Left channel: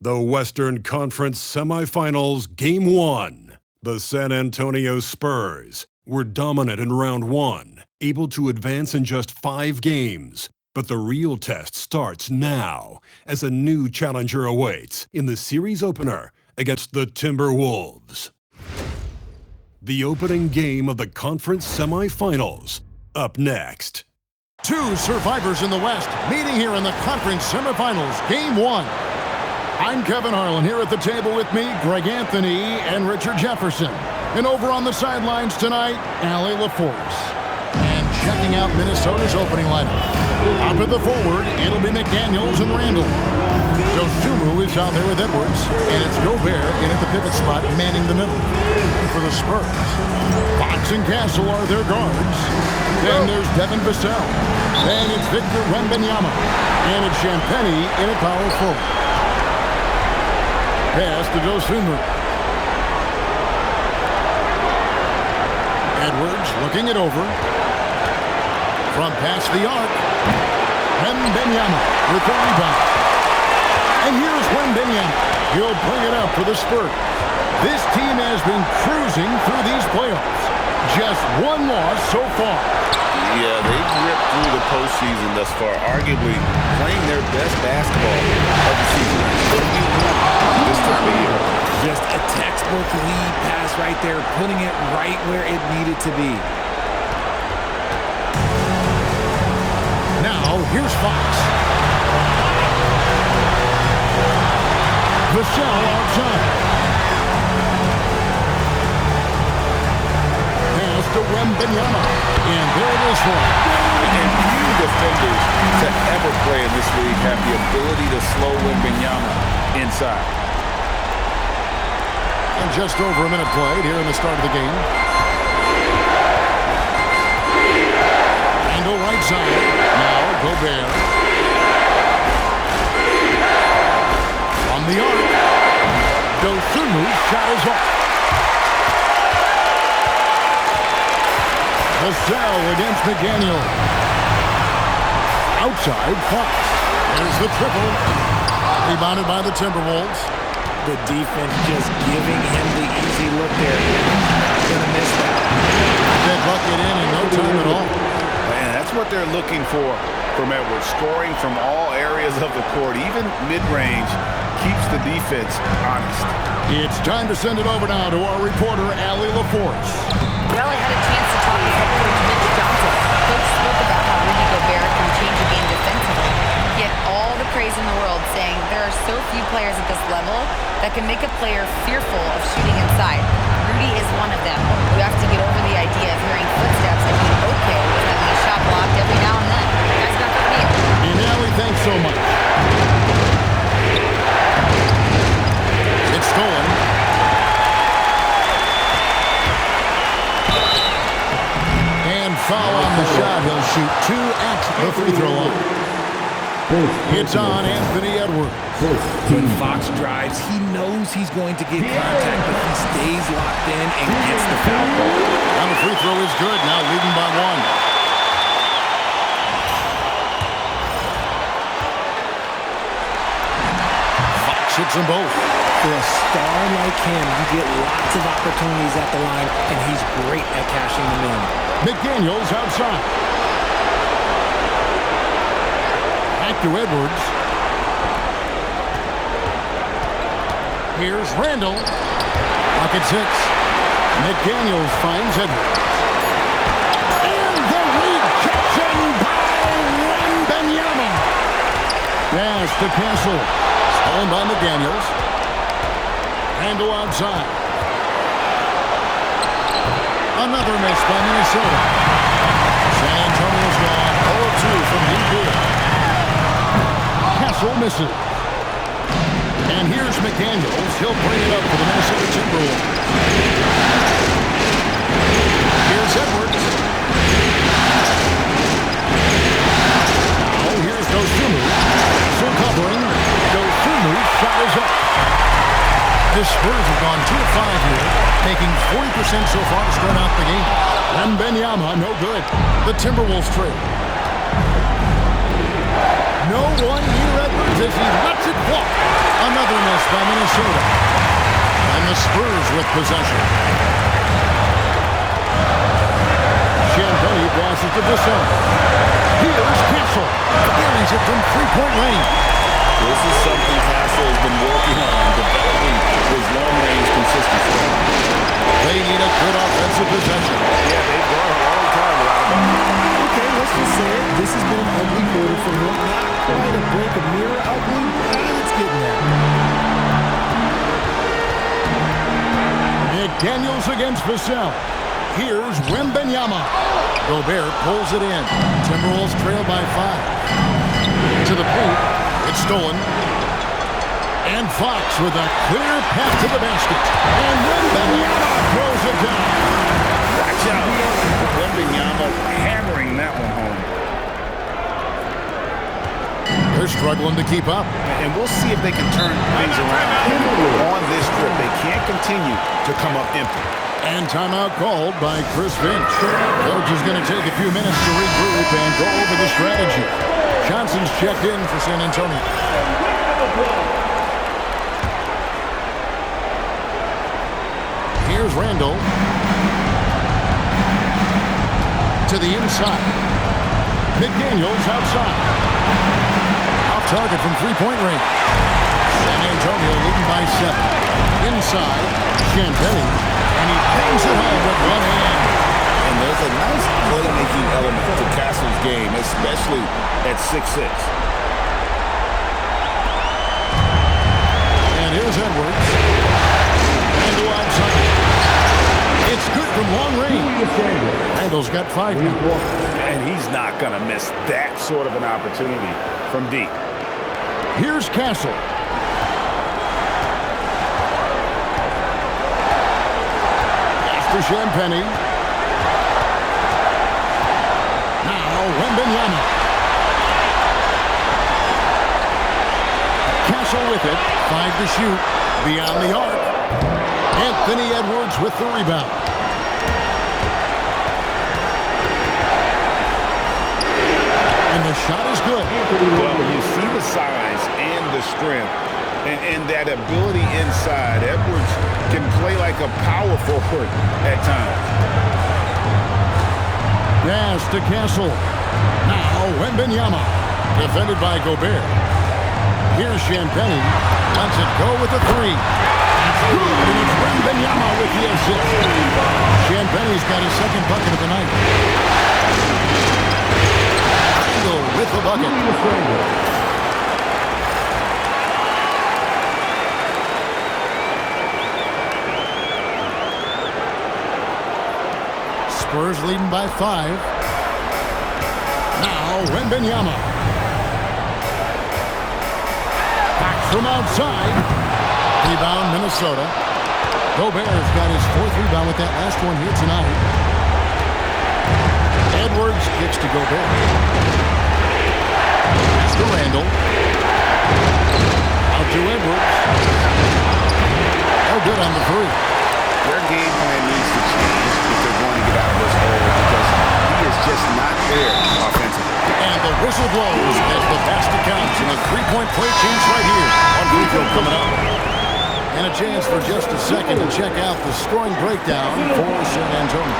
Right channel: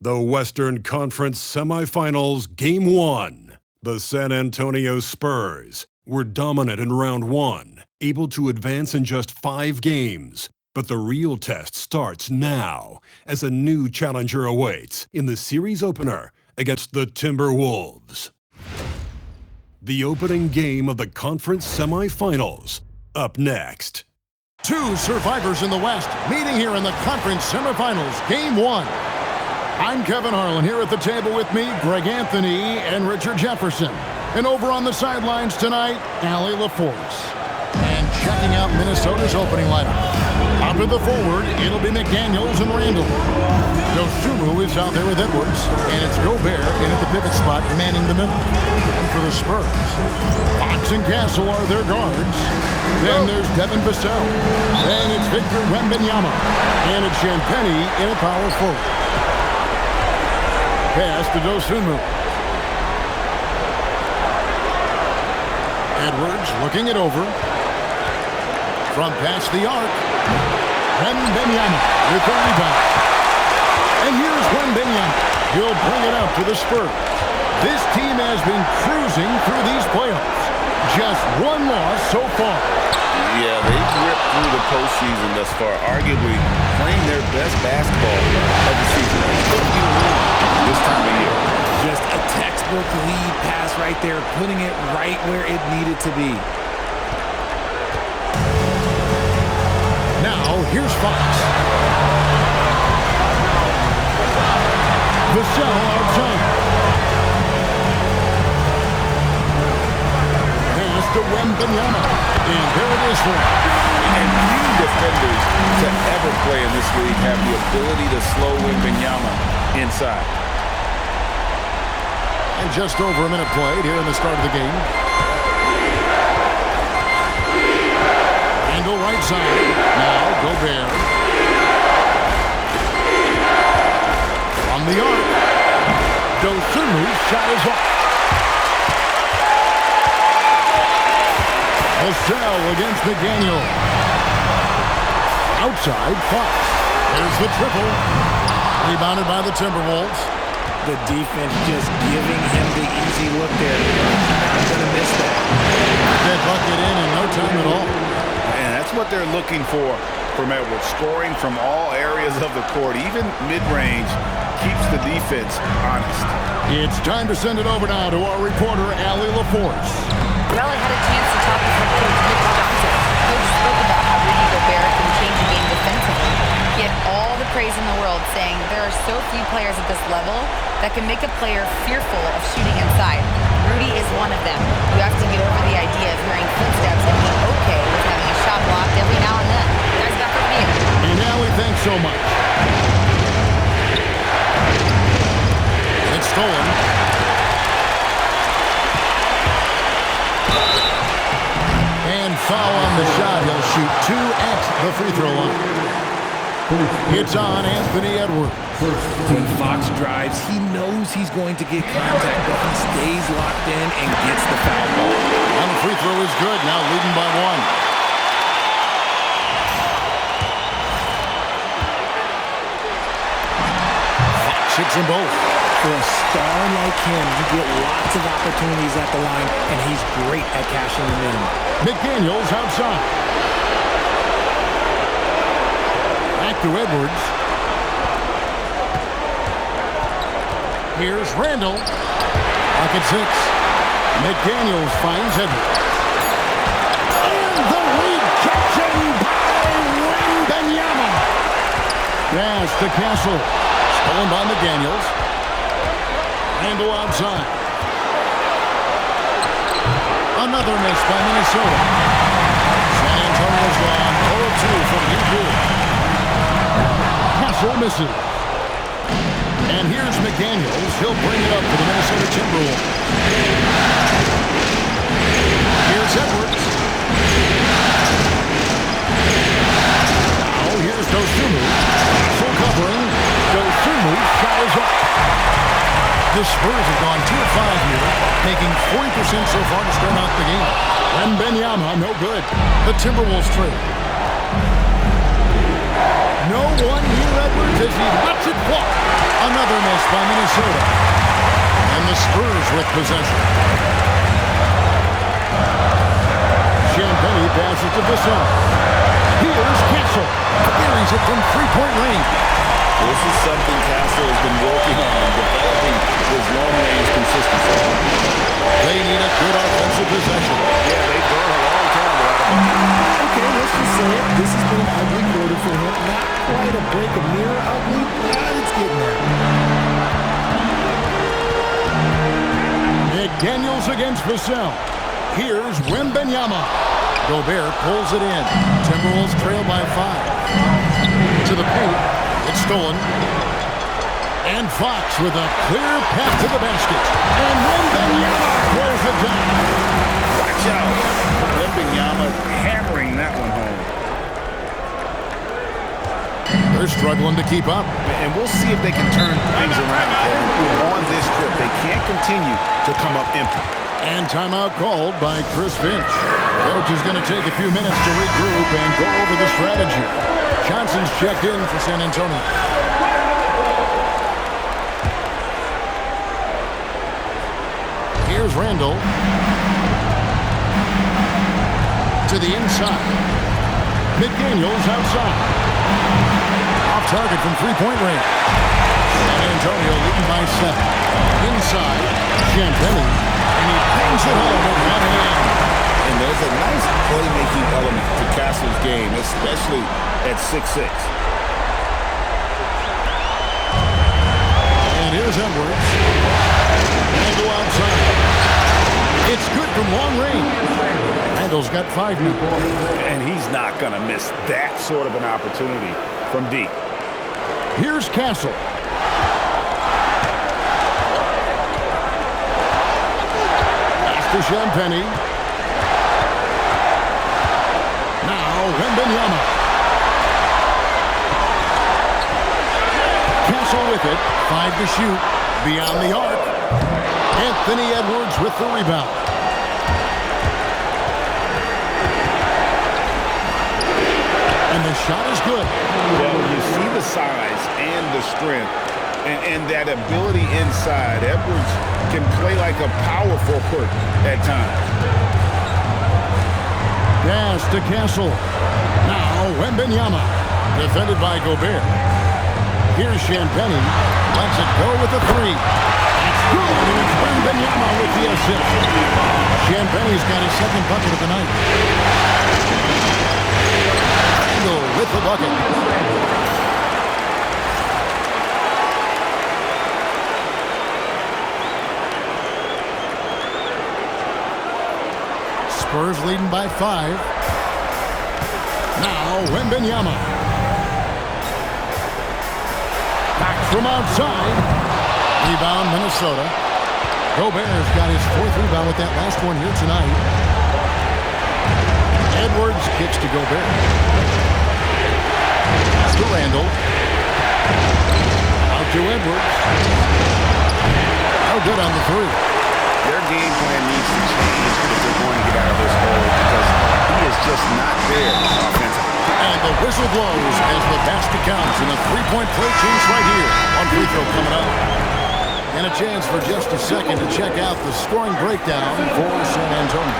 The Western Conference Semifinals Game 1. The San Antonio Spurs were dominant in round 1, able to advance in just 5 games. But the real test starts now as a new challenger awaits in the series opener against the Timberwolves. The opening game of the conference semifinals, up next. Two survivors in the West meeting here in the conference semifinals, Game 1. I'm Kevin Harlan, here at the table with me, Greg Anthony and Richard Jefferson. And over on the sidelines tonight, Allie LaForce. And checking out Minnesota's opening lineup. Up at the forward, it'll be McDaniels and Randall. Dosunmu is out there with Edwards, and it's Gobert in at the pivot spot, manning the middle. And for the Spurs, Fox and Castle are their guards. Then there's Devin Vassell. Then it's Victor Wembanyama. And it's Champagnie in at power forward. Pass to Dosunmu. Edwards looking it over. From past the arc. Wembanyama with the rebound. And here's Wembanyama. He'll bring it up for the Spurs. This team has been cruising through these playoffs. Just one loss so far. Yeah, they've ripped through the postseason thus far, arguably playing their best basketball of the season. What do you want this time of year? Just a textbook lead pass right there, putting it right where it needed to be. Now, here's Fox. Vassell outside. Pass to Wembanyama. And there it is for him. And few defenders to ever play in this league have the ability to slow Wembanyama inside. And just over a minute played here in the start of the game. Randall right side. Now Gobert. From the arc. Dosunmu's shot is off. Vassell against McDaniel. Outside, Fox. There's the triple. Rebounded by the Timberwolves. The defense just giving him the easy look there. Not going to miss that. That bucket in no time at all. And that's what they're looking for from Edwards. Scoring from all areas of the court, even mid-range, keeps the defense honest. It's time to send it over now to our reporter, Allie LaForce. Raleigh had a chance to talk with head coach Mitch Johnson. Coach spoke about how Rudy Gobert can change a game defensively. He had all the praise in the world, saying there are so few players at this level that can make a player fearful of shooting inside. Rudy is one of them. You have to get over the idea of hearing footsteps and be okay with having a shot blocked every now and then. Guys, back over to you. And Allie, thanks so much. It's stolen. And foul on the shot. He'll shoot 2 at the free throw line. It's on Anthony Edwards. When Fox drives, he knows he's going to get contact, but he stays locked in and gets the foul ball. And the free throw is good, now leading by 1. Fox hits them both. For a star like him, you get lots of opportunities at the line, and he's great at cashing them in. McDaniels outside. Back to Edwards. Here's Randall. Clock at 6. McDaniels finds Edwards. And the rejection by Wembanyama. Pass to Castle. Stolen by McDaniels. Randall outside. Another miss by Minnesota. San Antonio's gone 0-2 from deep here. Castle misses. And here's McDaniels. He'll bring it up for the Minnesota Timberwolves. Here's Edwards. Now here's Dosunmu. Full covering. Dosunmu's shot is off. The Spurs have gone 2 of 5 here, making 40% so far to start out the game. Wembanyama, no good. The Timberwolves trail. No one near Edwards as he lets it fly. Another miss by Minnesota. And the Spurs with possession. Champagny passes to Vassell. Here's Castle. Buries it from three-point range. This is something Castle has been working on, developing his long-range consistency. They need a good offensive possession. Yeah, they've gone a long time without a bucket. Okay, let's just say it. This has been an ugly quarter for him. Not quite a break of mirror ugly, but it's getting there. McDaniels against Vassell. Here's Wembanyama. Gobert pulls it in. Timberwolves trail by 5. To the paint. It's stolen. And Fox with a clear path to the basket. And Wembanyama throws it down. Watch out. Wembanyama hammering that one home. They're struggling to keep up. And we'll see if they can turn things around, Kevin. On this trip, they can't continue to come up empty. And timeout called by Chris Finch. Coach is going to take a few minutes to regroup and go over the strategy. Johnson's checked in for San Antonio. Here's Randall. To the inside. McDaniels outside. Off target from three-point range. San Antonio leading by 7. Inside, Champagny, and he bangs it home with one hand. And there's a nice playmaking element to Castle's game, especially at 6'6". And here's Edwards. Randall outside. It's good from long range. Randall's got 5 now. And he's not going to miss that sort of an opportunity from deep. Here's Castle. Pass to Champagny. Now Wembanyama. Castle with it. 5 to shoot. Beyond the arc. Anthony Edwards with the rebound. And the shot is good. Well, you see the size and the strength and that ability inside. Edwards can play like a power forward at times. Pass to Castle. Now Wembanyama. Defended by Gobert. Here's Champagny. Lets it go with a 3. That's good, and it's Wembanyama with the assist. Champagny's got his second bucket of the night. Randall with the bucket. Spurs leading by 5. Now Wembanyama. Back from outside. Rebound, Minnesota. Gobert's got his 4th rebound with that last one here tonight. Edwards kicks to Gobert. Pass to Randall. Out to Edwards. No good on the 3. Their game plan needs to change if they're going to get out of this hole because he is just not there offensively. And the whistle blows as the basket counts, and a 3-point play change right here. One free throw coming up. And a chance for just a second to check out the scoring breakdown for San Antonio.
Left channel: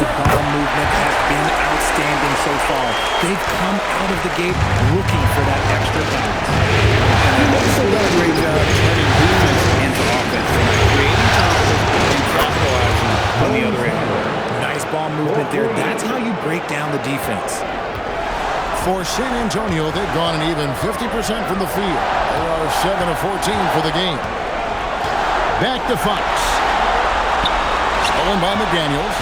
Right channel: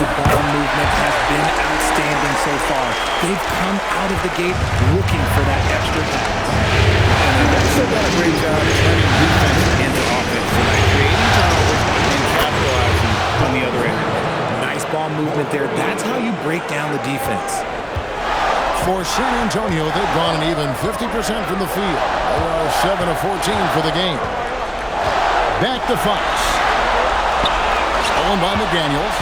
The ball movement has been outstanding so far. They've come out of the gate looking for that extra pass. And they've also done a great job turning defense into offense tonight, creating turnovers and capitalizing on the other end. Nice ball movement there. That's how you break down the defense. For San Antonio, they've gone an even 50% from the field. They are 7 of 14 for the game. Back to Fox. Stolen by McDaniels.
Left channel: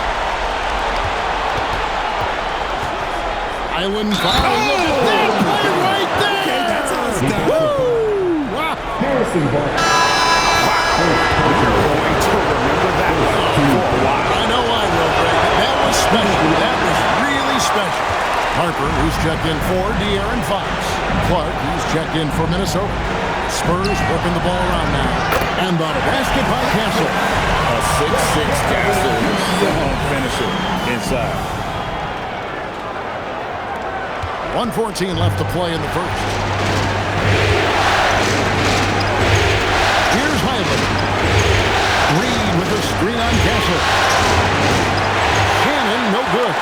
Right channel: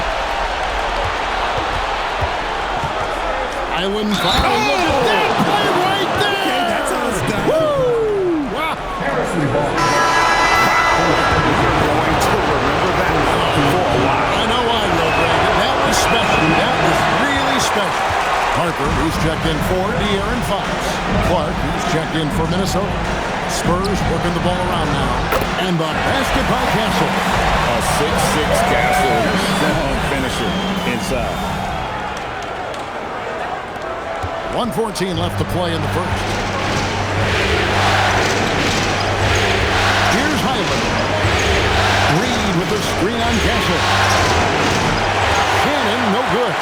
Island foul. Look at that play right there. Okay, that's how it's done. Woo! Wow. You're going to remember that one for a while. I know I will, Greg. That was special. That was really special. Harper, he's checked in for De'Aaron Fox. Clark, he's checked in for Minnesota. Spurs working the ball around now. And the basket by Castle. A 6'6" Castle, a strong finisher inside. 1:14 left to play in the first. with a screen on Castle. Shannon, no good.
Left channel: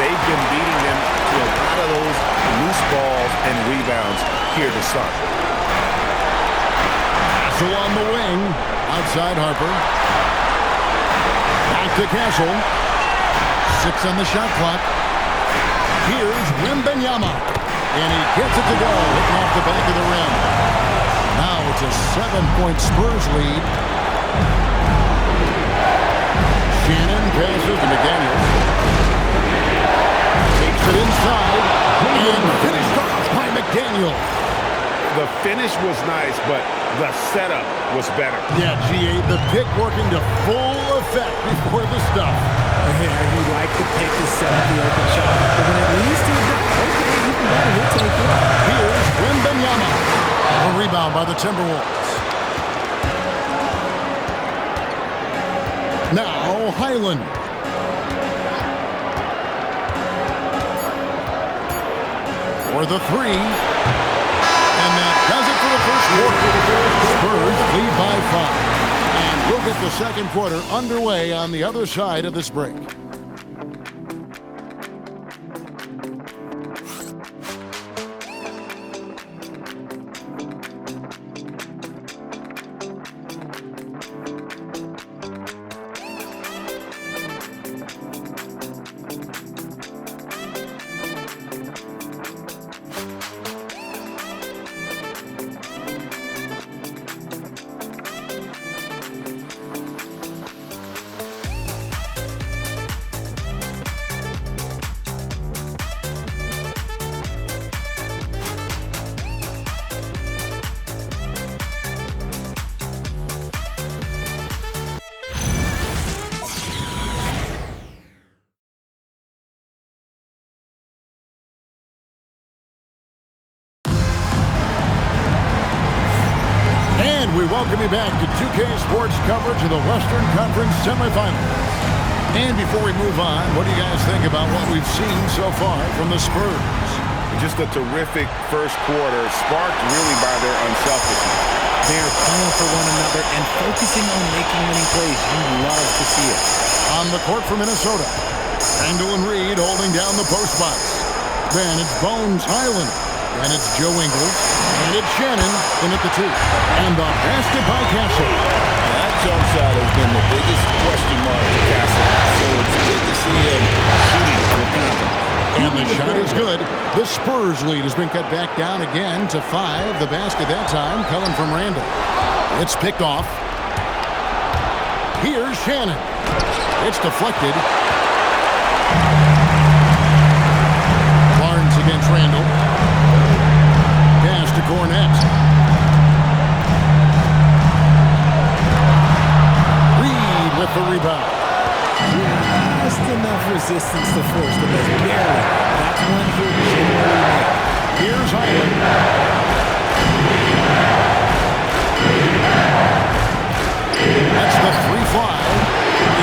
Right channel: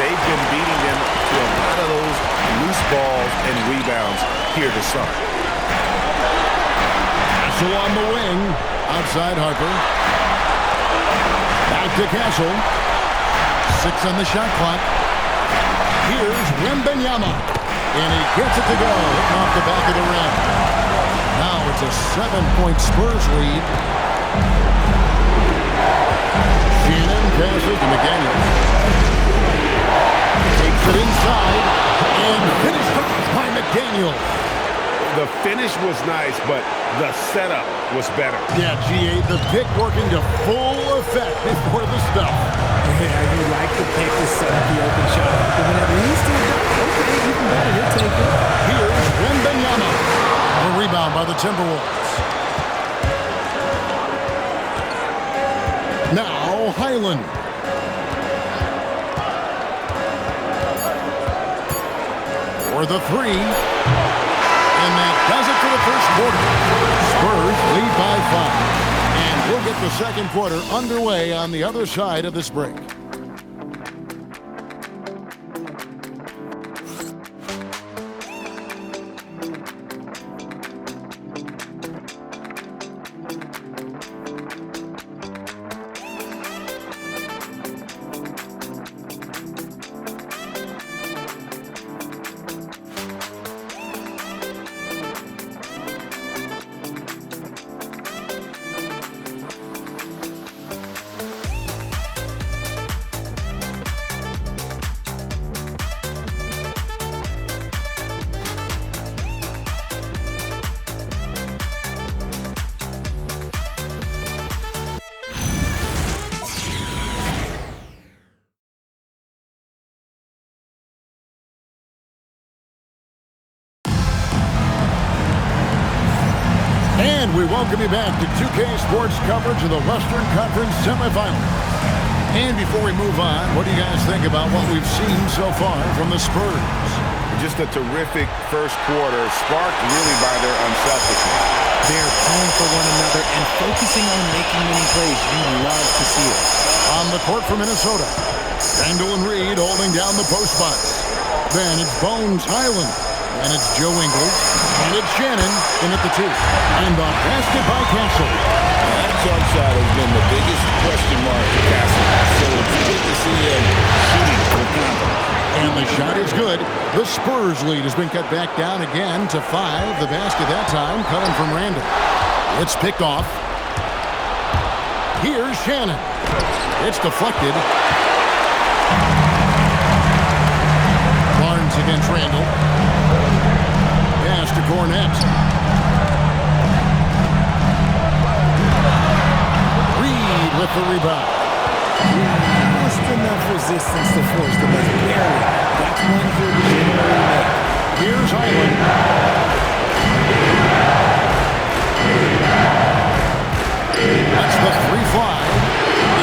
They've been beating them to a lot of those loose balls and rebounds here to start. Castle on the wing. Outside Harper. Back to Castle. 6 on the shot clock. Here's Wembanyama. And he gets it to go. Hitting off the back of the rim. Now it's a 7-point Spurs lead. Shannon passes to McDaniels. Takes it inside. And finished off by McDaniels. The finish was nice, but the setup was better. Yeah, GA, the pick working to full effect before the stuff. Yeah, you like the pick to set up the open shot. But when it leads to a dunk, okay, even better, he'll take it. Here's Wembanyama. A rebound by the Timberwolves. Now, Highland. For the three. And that does it for the first quarter. Spurs lead by 5. And we'll get the second quarter underway on the other side of this break. And we welcome you back to 2K Sports coverage of the Western Conference semifinals. And before we move on, what do you guys think about what we've seen so far from the Spurs? Just a terrific first quarter, sparked really by their unselfishness. They're playing for one another and focusing on making winning plays. You love to see it. On the court for Minnesota, Randall and Reed holding down the post spots. Then it's Bones Highland. And it's Joe Ingles. And it's Shannon in at the 2. And the basket by Castle. That jump shot has been the biggest question mark for Castle. So it's good to see him shooting with confidence. And the shot is good. The Spurs lead has been cut back down again to 5. The basket that time coming from Randall. It's picked off. Here's Shannon. It's deflected. Barnes against Randall. Pass to Cornette. Reed with the rebound. Just enough resistance to force the miss. Barely. That's one he'll generally make. Here's Highland. That's the 3 fly.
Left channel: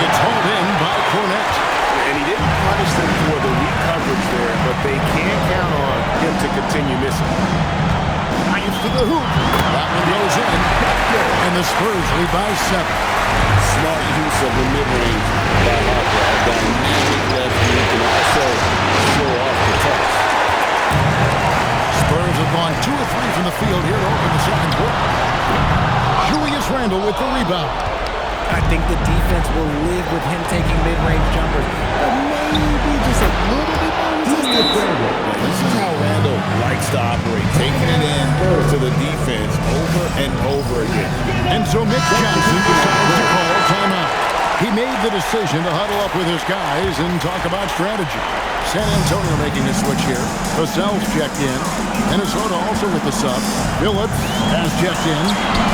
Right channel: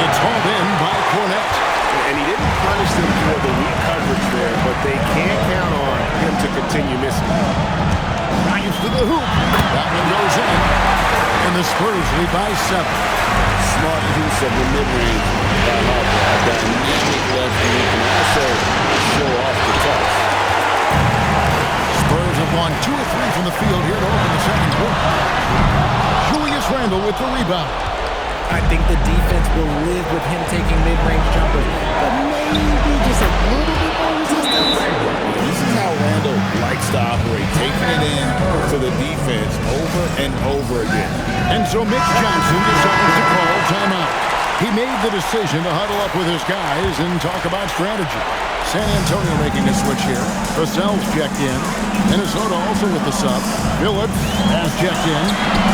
It's hauled in by Cornette. And he didn't punish them for the weak coverage there, but they can't count on him to continue missing. Drives to the hoop. That one goes in. And the Spurs lead by 7. Smart use of the mid-range by Harper. A dynamic lefty who can also show off the touch. Spurs have gone 2 of 3 from the field here to open the second quarter. Julius Randle with the rebound. I think the defense will live with him taking mid-range jumpers, but maybe just a little bit more resistance. This is how Randall likes to operate, taking it in to the defense over and over again. And so Mitch Johnson decides to call timeout. He made the decision to huddle up with his guys and talk about strategy. San Antonio making a switch here. Vassell's checked in. Minnesota also with the sub. Phillips has checked in.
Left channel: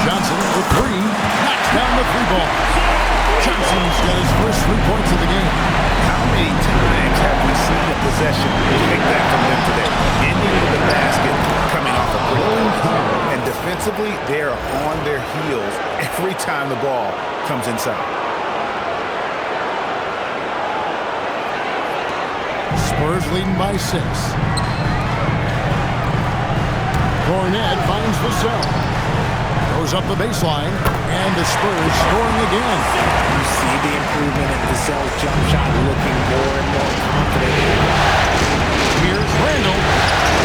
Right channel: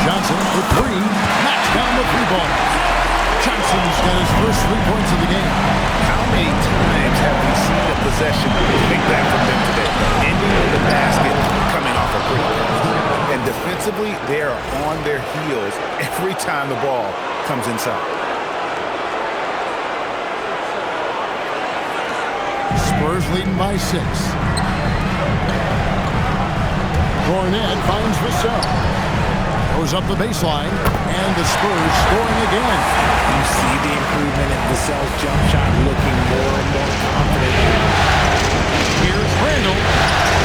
Johnson for 3. Knocks down the 3 ball. Johnson's got his first 3 points of the game. How many times have we seen a possession like that from them today? Ending with the basket coming off a pretty pass. And defensively, they are on their heels every time the ball comes inside. Spurs leading by 6. Cornette finds Vassell. Goes up the baseline. And the Spurs scoring again. You see the improvement in Vassell's jump shot, looking more and more confident now. Here's Randall.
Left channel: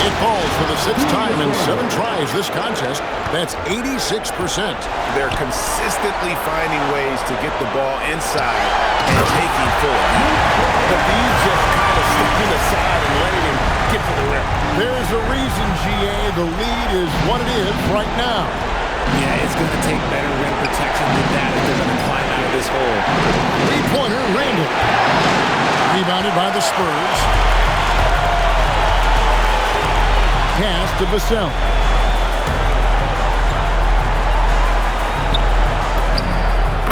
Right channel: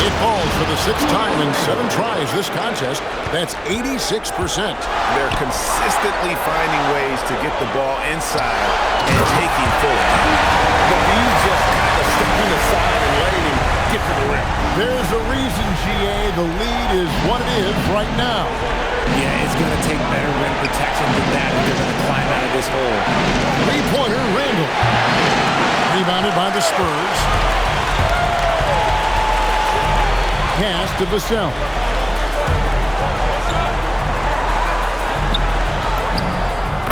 It falls for the 6th time in 7 tries this contest. That's 86%. They're consistently finding ways to get the ball inside and taking full advantage. The D just kind of stepping aside and letting him get to the rim. There's a reason, GA, the lead is what it is right now. Yeah, it's going to take better rim protection than that if they're going to climb out of this hole. Three-pointer, Randall. Rebounded by the Spurs. Pass to Vassell.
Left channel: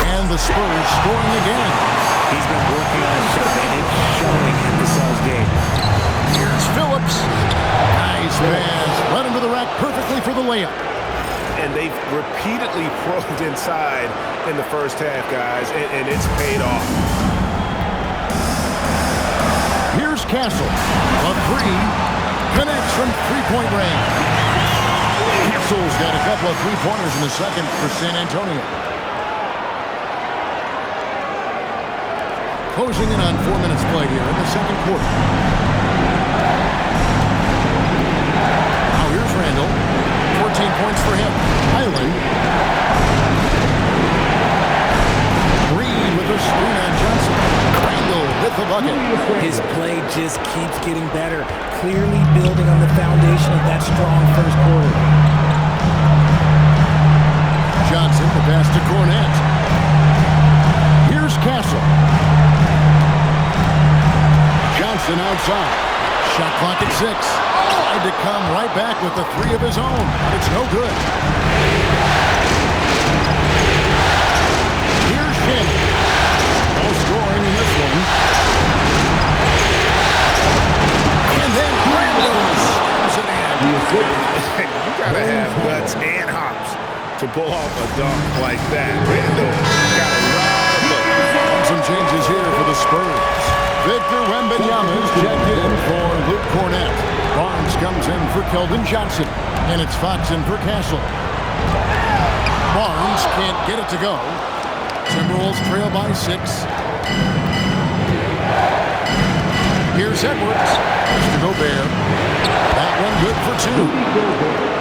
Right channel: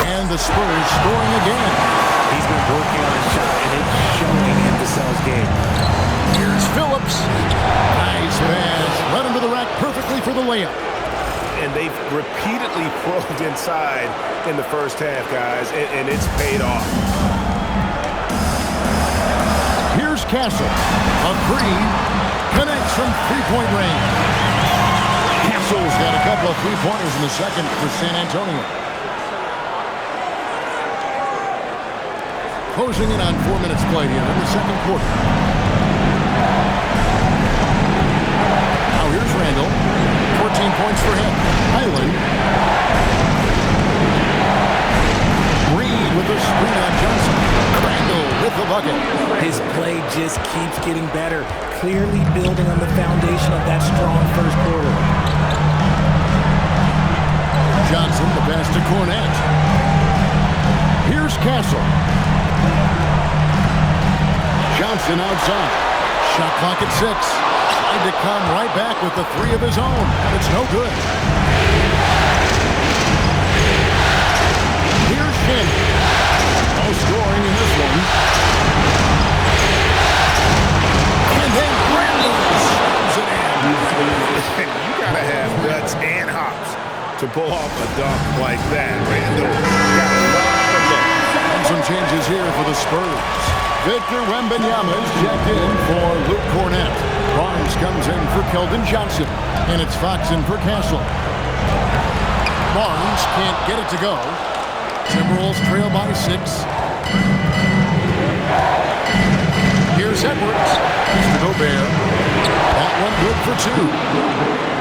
And the Spurs scoring again. He's been working on his shot, and it's showing in Vassell's game. Here's Phillips. Nice pass. Led him to the rack perfectly for the layup. And they've repeatedly probed inside in the first half, guys, and it's paid off. Here's Castle. A three. Connects from three-point range. Castle's got a couple of three-pointers in the second for San Antonio. Closing in on 4 minutes played here in the second quarter. Now here's Randall. 14 points for him. Highland. Reed with a screen on Johnson. Randall with the bucket. His play just keeps getting better, clearly building on the foundation of that strong first quarter. Johnson, the pass to Cornette. Here's Castle. Johnson outside. Shot clock at 6. Tried to come right back with the three of his own, but it's no good. Here's Shannon. No scoring in this one. And then Randall slams it in. You got to have guts and hops to pull off a dunk like that. Randall got a lot of look. Some changes here for the Spurs. Victor Wembanyama is checked in for Luke Cornette. Barnes comes in for Keldon Johnson. And it's Fox in for Castle. Barnes can't get it to go. Timberwolves trail by 6. Here's Edwards. Mr. Gobert. That one good for 2.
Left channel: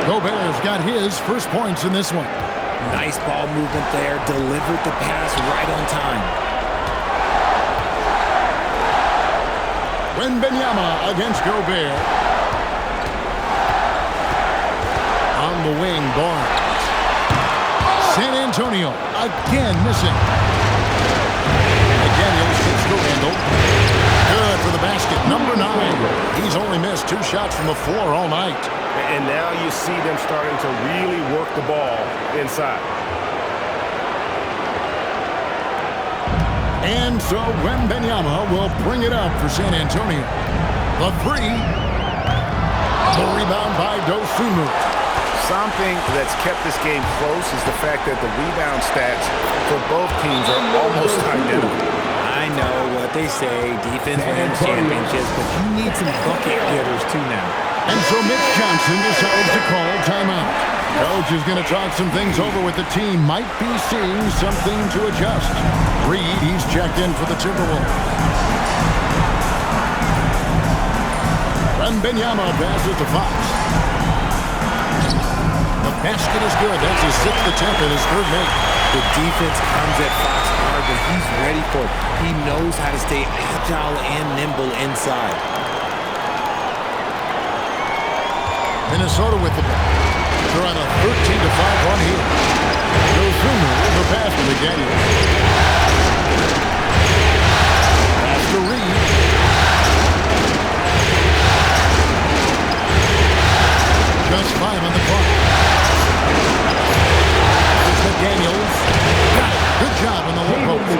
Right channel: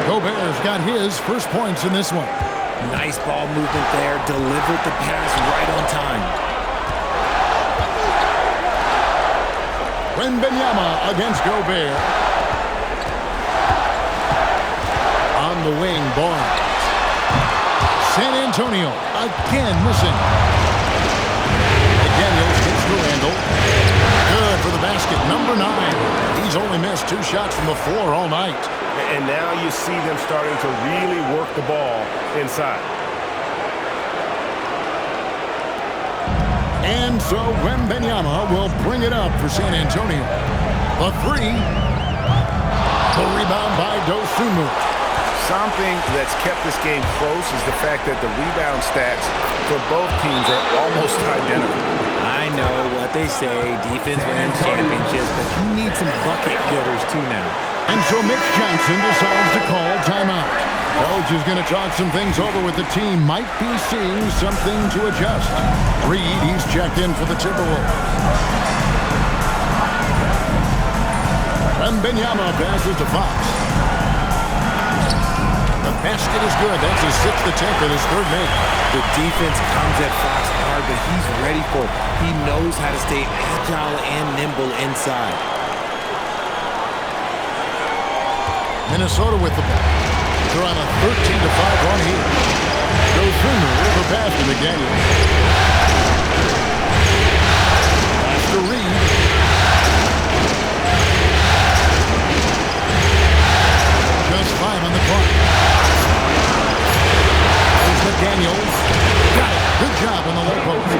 Gobert's got his first points in this one. Nice ball movement there. Delivered the pass right on time. Wembanyama against Gobert. On the wing, Barnes. San Antonio again missing. McDaniels gets to Randall. Good for the basket. Number 9. He's only missed 2 shots from the floor all night. And now you see them starting to really work the ball inside. And so Wembanyama will bring it up for San Antonio. The 3. The rebound by Dosunmu. Something that's kept this game close is the fact that the rebound stats for both teams are almost identical. I know what they say, defense wins championships, but you need some bucket getters too now. And so Mitch Johnson decides to call timeout. Coach is going to talk some things over with the team. Might be seeing something to adjust. Reed, he's checked in for the Timberwolves. Wembanyama passes to Fox. The basket is good. That's his 6th attempt and his 3rd make. The defense comes at Fox hard, but he's ready for it. He knows how to stay agile and nimble inside. Minnesota with the ball. They're on a 13-5 run here. Dosunmu with the pass to McDaniels. Pass to Reed. Just 5 on the clock. There's McDaniels. Got it. Good job on the low post.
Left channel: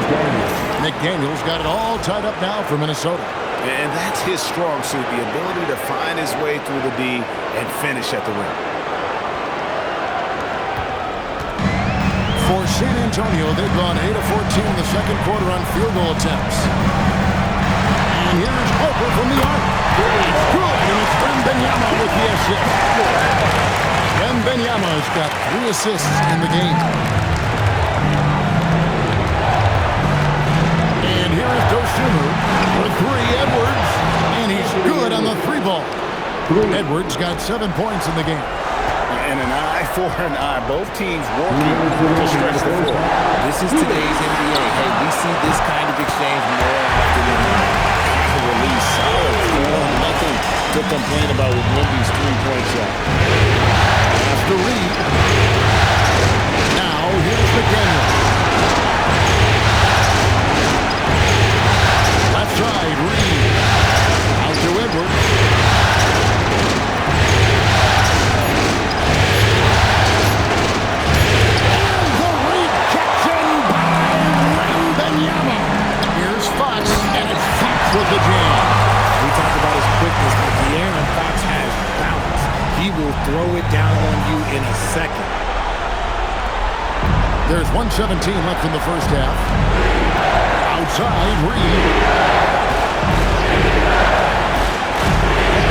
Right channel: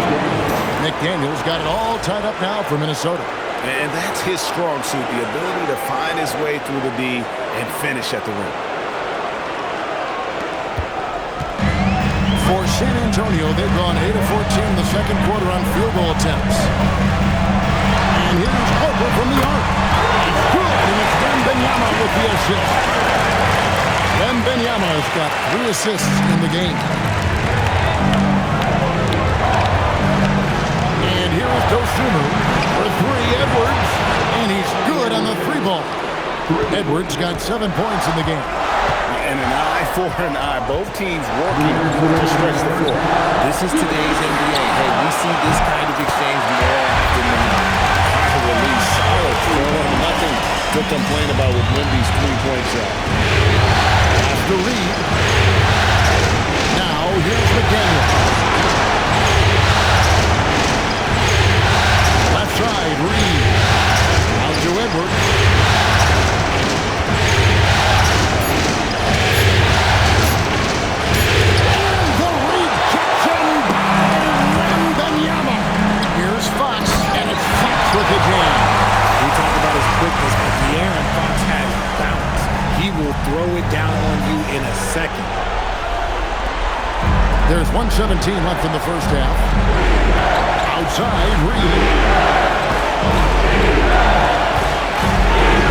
McDaniels got it all tied up now for Minnesota. And that's his strong suit, the ability to find his way through the D and finish at the rim. For San Antonio, they've gone 8 of 14 in the second quarter on field goal attempts. And here's Harper from the arc. It's good, and it's Wembanyama with the assist. Wembanyama's got 3 assists in the game. And here is Dosunmu for three. Edwards, and he's good on the three ball. Edwards got 7 points in the game. And an eye for an eye. Both teams working to stretch the floor. This is today's NBA. Hey, we see this kind of exchange more often than not. High release, solid form. Nothing to complain about with Wemby's three-point shot. After Reed. Now here's McDaniel. Left side, Reed. Out to Edwards. Here's Fox, and it's Fox with the jam. We talk about his quickness, but De'Aaron Fox has balance. He will throw it down on you in a second. There's 1:17 left in the first half. Outside, Reed.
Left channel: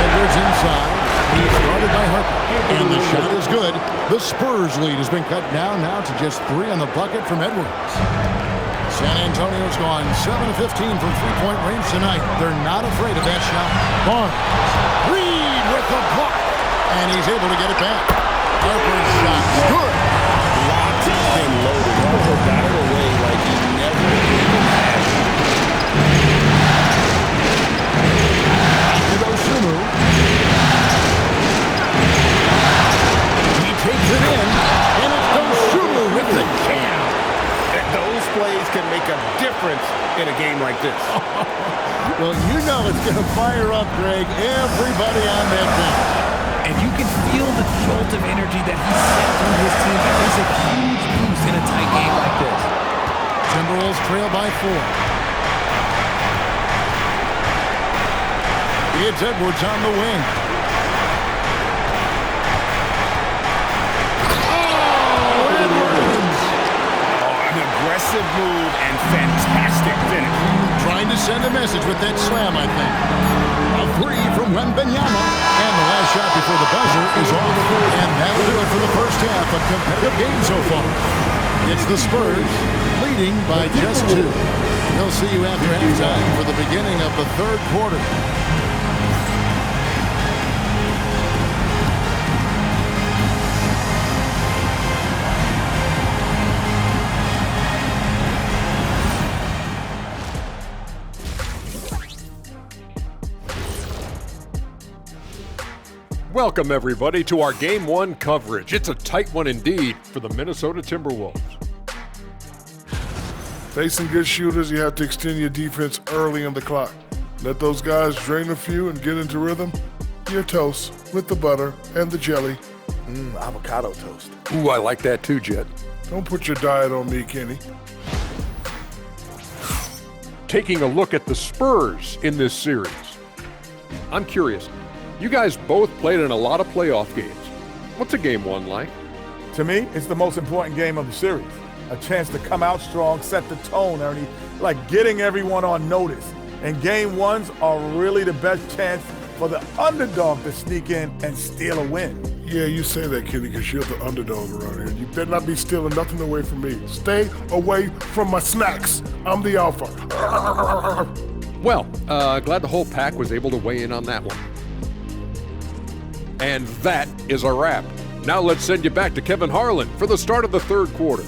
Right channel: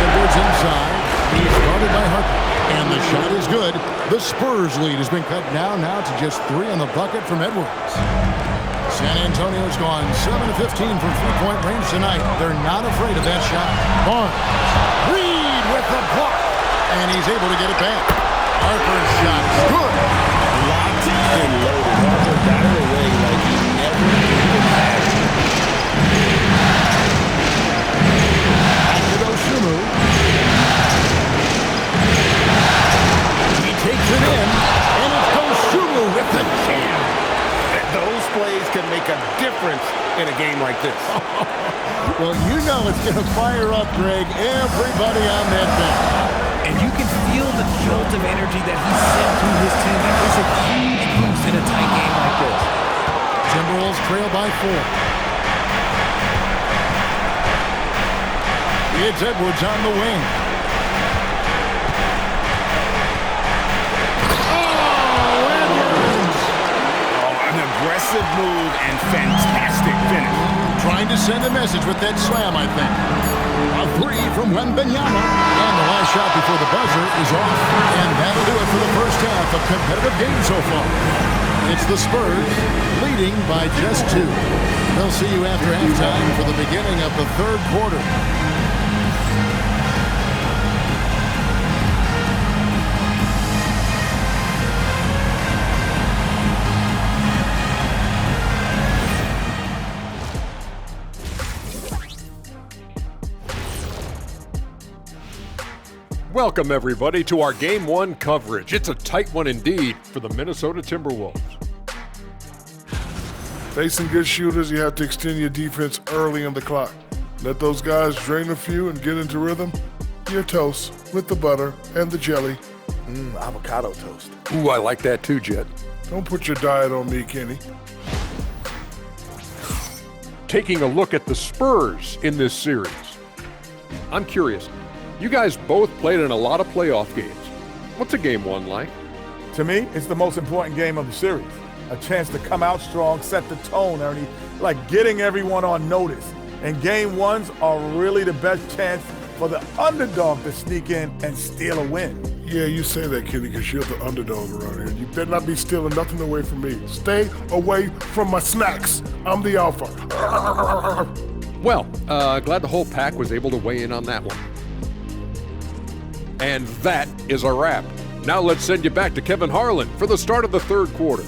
Edwards inside. He's guarded by Harper. And the shot is good. The Spurs lead has been cut down now to just 3 on the bucket from Edwards. San Antonio's gone 7 of 15 from three-point range tonight. They're not afraid of that shot. Barnes. Reed with the block. And he's able to get it back. Harper's shot's good. Locked and loaded. Harper got it away like he never even had it. To Dosunmu. He takes it in. And it's Dosunmu with the jam. Those plays can make a difference in a game like this. Well, you know it's going to fire up, Greg, everybody on that bench. And you can feel the jolt of energy that he sent through his team. That is a huge boost in a tight game like this. Timberwolves trail by 4. It's Edwards on the wing. Aggressive move and fantastic finish. Trying to send a message with that slam, I think. A 3 from Wembanyama. And the last shot before the buzzer is off. And that'll do it for the first half. A competitive game so far. It's the Spurs leading by just 2. They'll see you after halftime for the beginning of the third quarter. Welcome, everybody, to our Game 1 coverage. It's a tight one indeed for the Minnesota Timberwolves. Facing good shooters, you have to extend your defense early in the clock. Let those guys drain a few and get into rhythm. Your toast with the butter and the jelly. Avocado toast. Ooh, I like that too, Jet. Don't put your diet on me, Kenny. Taking a look at the Spurs in this series. I'm curious. You guys both played in a lot of playoff games. What's a Game 1 like? To me, it's the most important game of the series. A chance to come out strong, set the tone, Ernie, like getting everyone on notice. And Game 1s are really the best chance for the underdog to sneak in and steal a win. Yeah, you say that, Kenny, because you're the underdog around here. You better not be stealing nothing away from me. Stay away from my snacks. I'm the alpha. Well, glad the whole pack was able to weigh in on that one. And that is a wrap. Now let's send you back to Kevin Harlan for the start of the third quarter.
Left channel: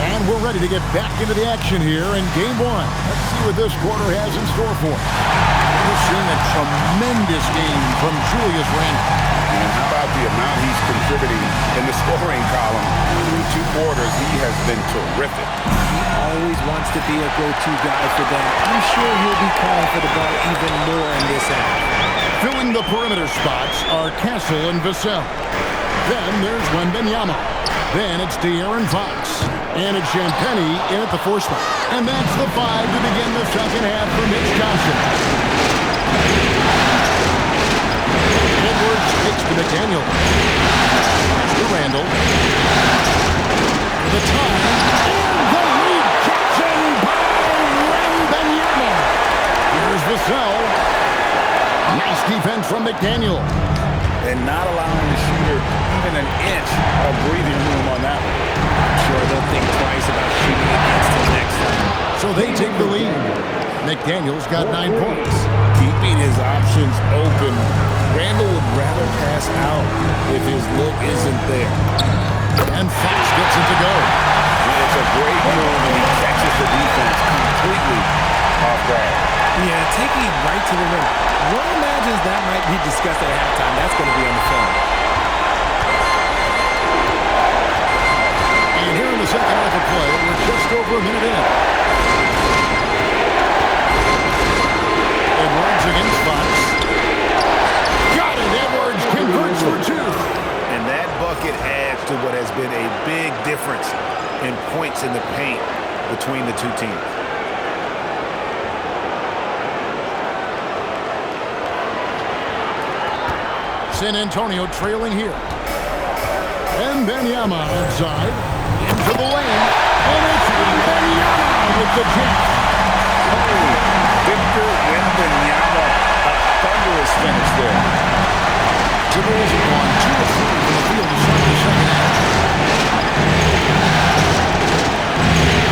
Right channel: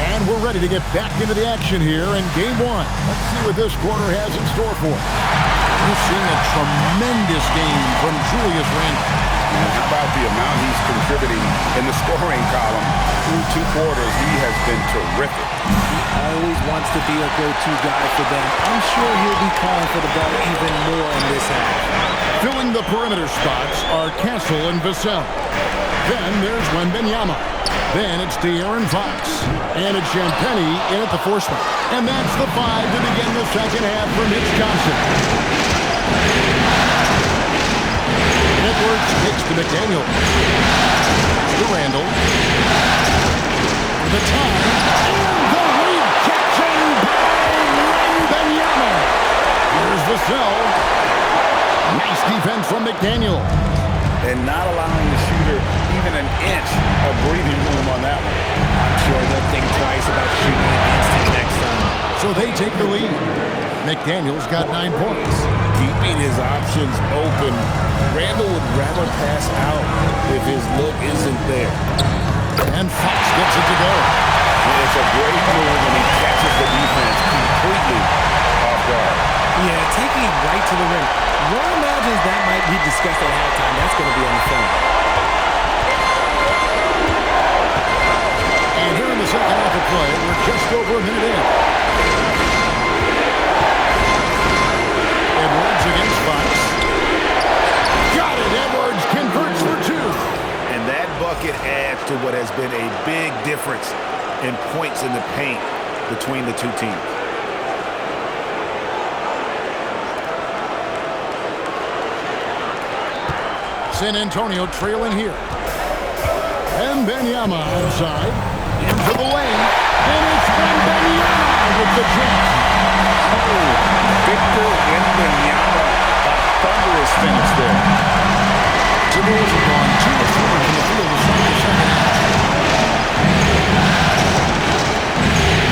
And we're ready to get back into the action here in Game 1. Let's see what this quarter has in store for us. We're seeing a tremendous game from Julius Randle. And how about the amount he's contributing in the scoring column? Through 2 quarters, he has been terrific. He always wants to be a go-to guy for them. I'm sure he'll be calling for the ball even more in this half. Filling the perimeter spots are Castle and Vassell. Then there's Wembanyama. Then it's De'Aaron Fox. And it's Champagnie in at the 4 spot. And that's the 5 to begin the second half for Mitch Johnson. Edwards kicks to McDaniel. To Randle. For the time. And the rejection by Wembanyama. Here's Vassell. defense from McDaniel. And not allowing the shooter even an inch of breathing room on that one. I'm sure they'll think twice about shooting against him next time. So they take the lead. McDaniel's got 9 points. Keeping his options open, Randall would rather pass out if his look isn't there. And Fox gets it to go. It's a great move, and he catches the defense completely off guard. Yeah, taking it right to the rim. One imagines that might be discussed at halftime. That's going to be on the film. And here in the second half of play, we're just over a minute in. Edwards against Fox. Got it! Edwards converts for 2. And that bucket adds to what has been a big difference in points in the paint between the two teams. San Antonio trailing here. And Wembanyama outside. Into the lane. And it's Wembanyama with the jam. Oh, Victor Wembanyama, a thunderous finish there. Timberwolves have gone 2 of 3 from the field to start the second half.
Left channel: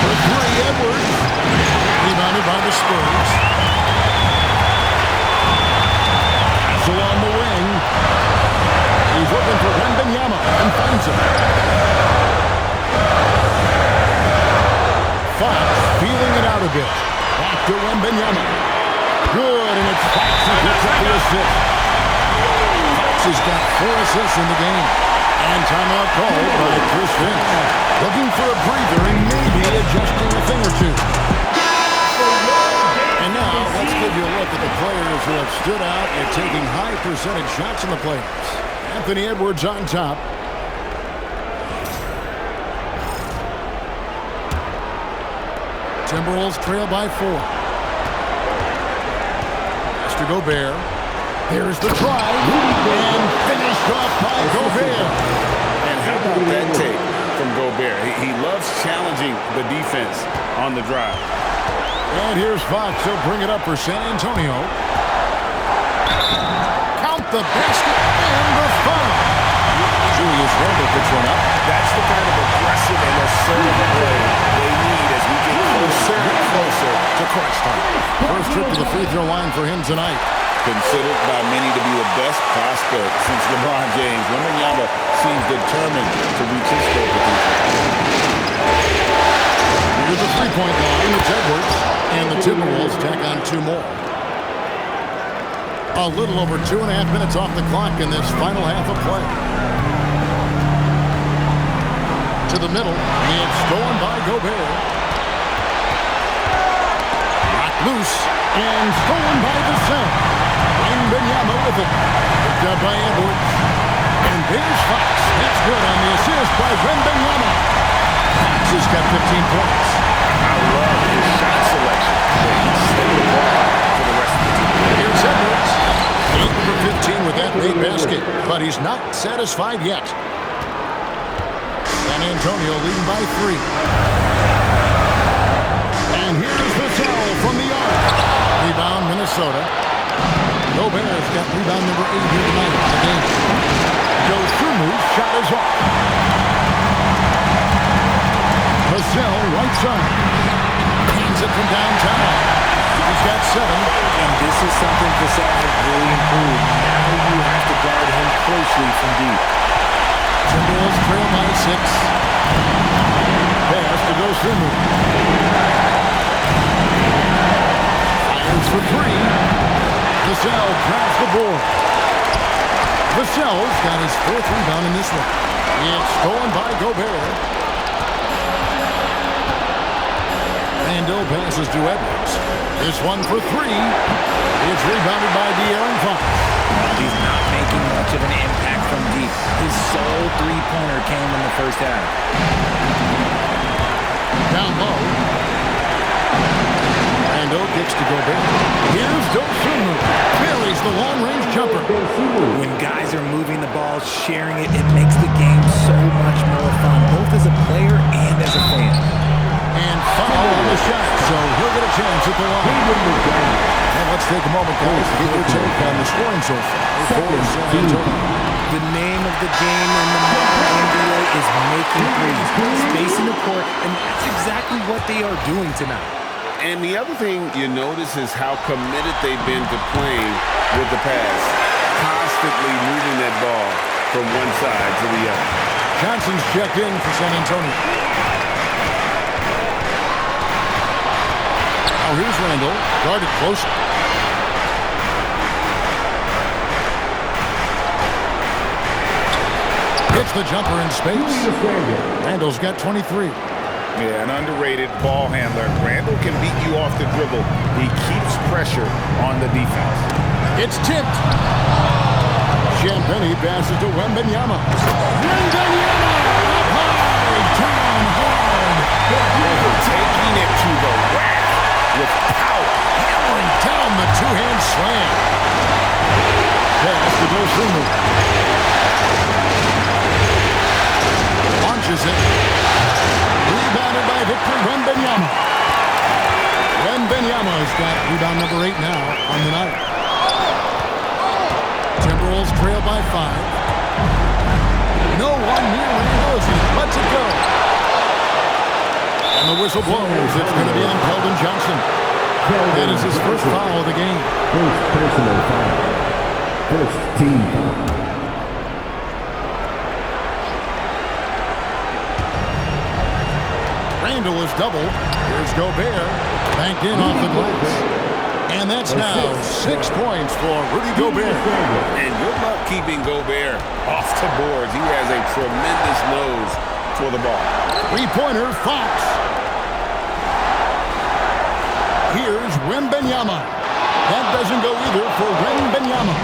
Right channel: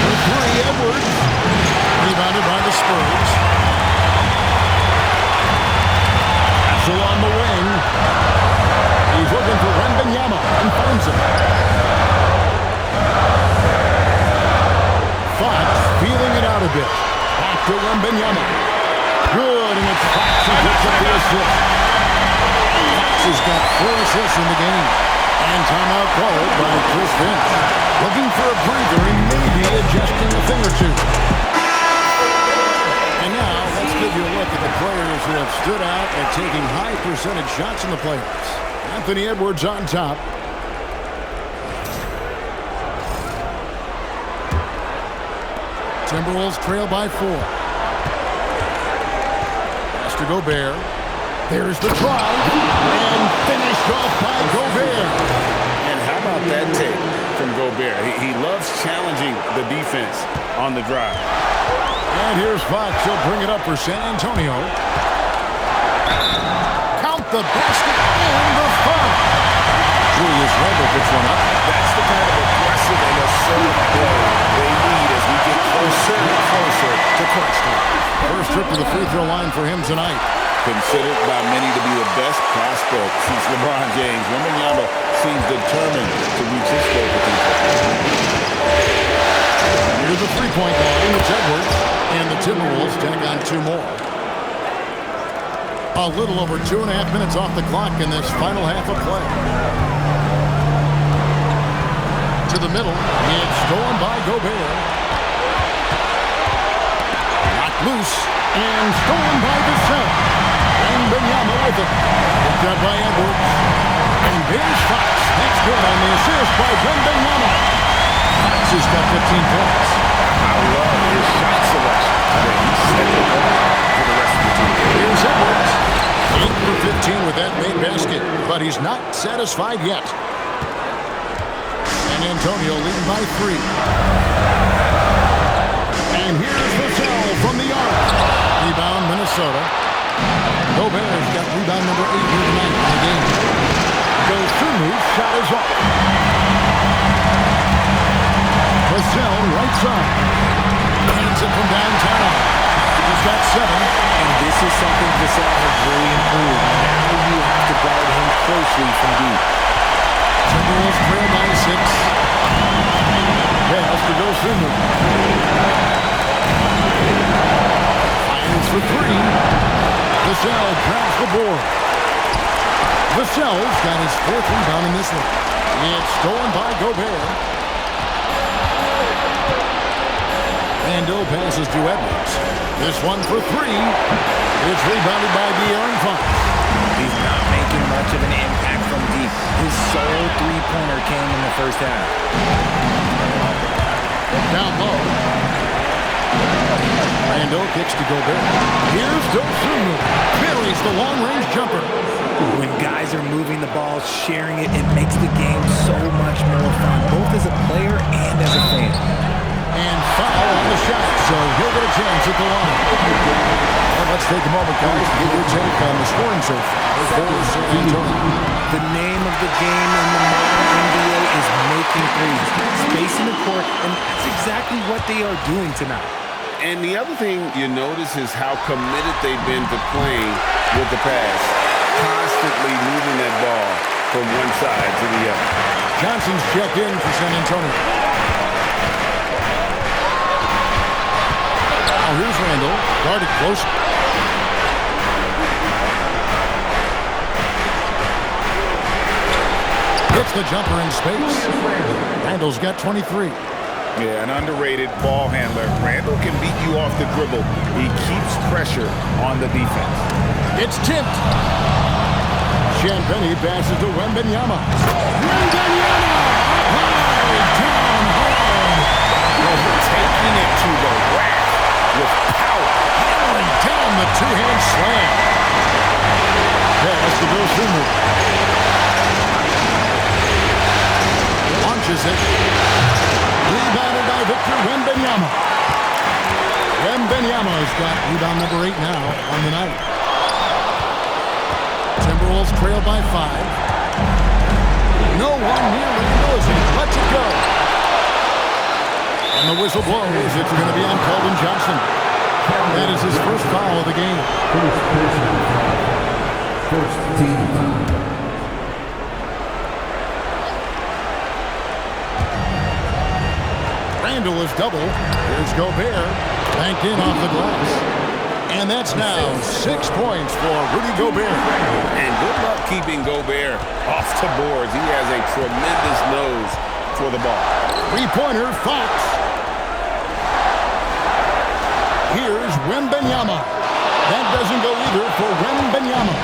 For 3, Edwards. Rebounded by the Spurs. Pass along the wing. He's looking for Wembanyama and finds him. Fox feeling it out a bit. Back to Wembanyama. Good, and it's Fox who picks up the assist. Fox has got 4 assists in the game. And timeout called by Chris Finch. Looking for a breather and maybe adjusting a thing or two. And now, let's give you a look at the players who have stood out at taking high percentage shots in the playoffs. Anthony Edwards on top. Timberwolves trail by 4. Pass to Gobert. There's the drive. And finished off by Gobert. And how about that take from Gobert? He loves challenging the defense on the drive. And here's Fox. He'll bring it up for San Antonio. Count the basket and the foul. Julius Randle picks one up. That's the kind of aggressive and assertive play they need as we get closer and closer to crunch time. First trip to the free throw line for him tonight. Considered by many to be the best prospect since LeBron James, Wembanyama seems determined to reach his full potential. Near the three-point line, it's Edwards. And the Timberwolves tack on 2 more. A little over 2.5 minutes off the clock in this final half of play. To the middle. It's stolen by Gobert. Knocked loose. And stolen by Vassell. Wembanyama with it. Picked up by Edwards. And there's Fox. That's good on the assist by Wembanyama. Fox has got 15 points. I love his shot selection today. He's setting the bar for the rest of the team. Here's Edwards. 8 for 15 with that made basket. But he's not satisfied yet. San Antonio leading by 3. And here's Vassell from the arc. Rebound, Minnesota. Gobert's got rebound number 8 here tonight in the game. Dosunmu's shot is off. Vassell, right side. Hands it from downtown. He's got 7. And this is something Vassell has really improved. Now you have to guard him closely from deep. Timberwolves trail by 6. Pass to Dosunmu. Fires for 3. Vassell grabs the board. Vassell's got his 4th rebound in this one. It's stolen by Gobert. Randle passes to Edwards. This one for 3. It's rebounded by De'Aaron Fox. He's not making much of an impact from deep. His sole three-pointer came in the first half. Down low. Randle kicks to Gobert. Here's Dosunmu. Buries the long-range jumper. When guys are moving the ball, sharing it, it makes the game so much more fun, both as a player and as a fan. And foul on the shot, so he'll get a chance at the line. And let's take a moment, guys, to get your take on the scoring so far for San Antonio. The name of the game in the modern NBA is making threes, spacing the court, and that's exactly what they are doing tonight. And the other thing you notice is how committed they've been to playing with the pass, constantly moving that ball from one side to the other. Johnson's checked in for San Antonio. Now here's Randall, guarded close. Hits the jumper in space. Randall's got 23. Yeah, an underrated ball handler. Randall can beat you off the dribble. He keeps pressure on the defense. It's tipped. Champagnie passes to Wembanyama. Wembanyama up high, down hard. Taking it to the rack with power. Hammering down the two-hand slam. Pass to Dosunmu. Launches it. Rebounded by Victor Wembanyama. Wembanyama's got rebound number 8 now on the night. Timberwolves trail by 5. No one near Randall as he lets it go. And the whistle blows. It's going to be on Keldon Johnson. That is his first foul of the game. First personal foul. First team foul. Randall is double. Here's Gobert. Banked in off the glass. And that's now 6 points for Rudy Gobert. And good luck keeping Gobert off the boards. He has a tremendous nose for the ball. Three-pointer, Fox. Here's Wembanyama. That doesn't go either for Wembanyama.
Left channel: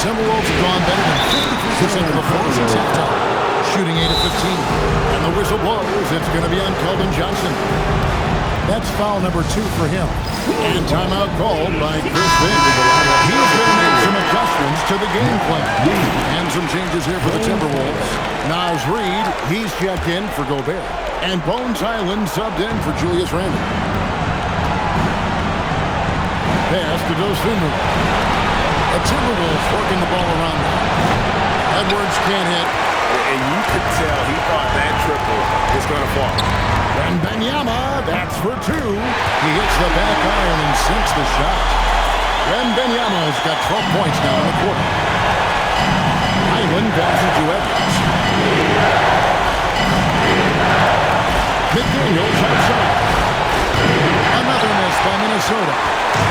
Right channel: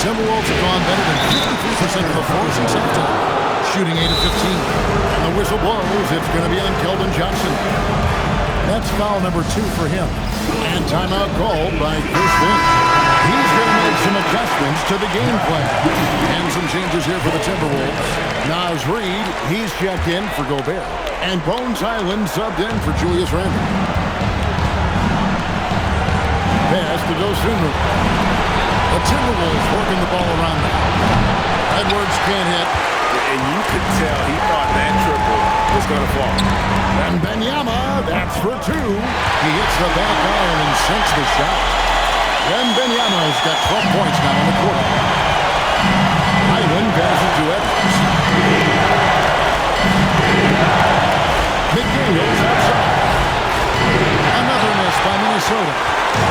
Timberwolves have gone better than 53% of the floor since halftime, shooting 8 of 15. And the whistle blows. It's going to be on Keldon Johnson. That's foul number 2 for him. And timeout called by Chris Vin. He's going to make some adjustments to the game plan. And some changes here for the Timberwolves. Naz Reid, he's checked in for Gobert. And Bones Highland subbed in for Julius Randle. Pass to Dosunmu. The Timberwolves working the ball around now. Edwards can't hit. And you could tell he thought that triple was going to fall. Wembanyama, that's for 2. He hits the back iron and sinks the shot. Wembanyama's got 12 points now in the quarter. Highland passes to Edwards. McDaniels outside. Another miss by Minnesota.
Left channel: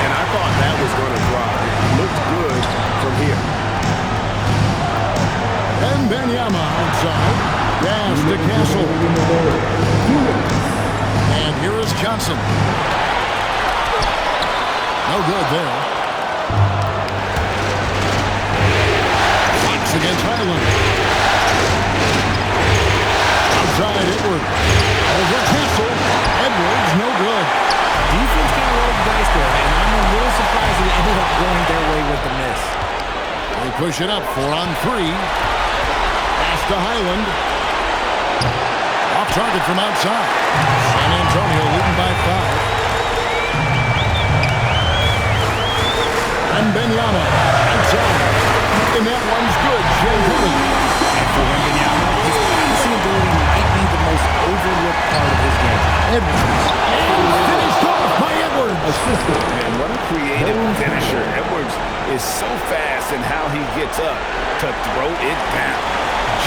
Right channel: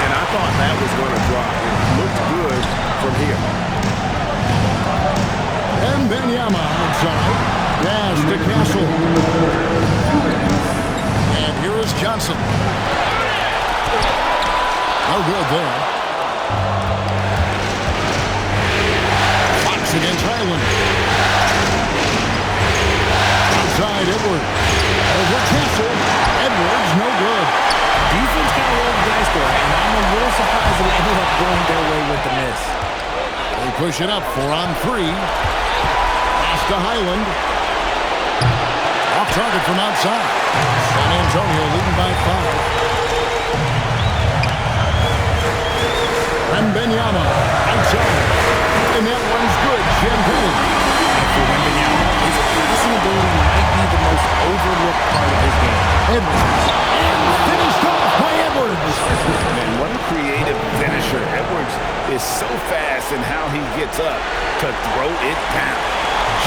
And I thought that was going to drop. It looked good from here. Wembanyama outside. Pass to Castle. And here is Johnson. No good there. Fox against Highland. Outside Edwards. Over Castle. Edwards, no good. Defense kind of rolled the dice there, and I'm a little surprised that it ended up going their way with the miss. They push it up 4 on 3. Pass to Highland. Off target from outside. San Antonio leading by 5. Wembanyama outside. And that one's good. Champagnie. And for Wembanyama, his passing ability might be the most overlooked part of his game. Edwards. And finished off by Edwards. Man, what a creative finisher. Edwards is so fast in how he gets up to throw it down.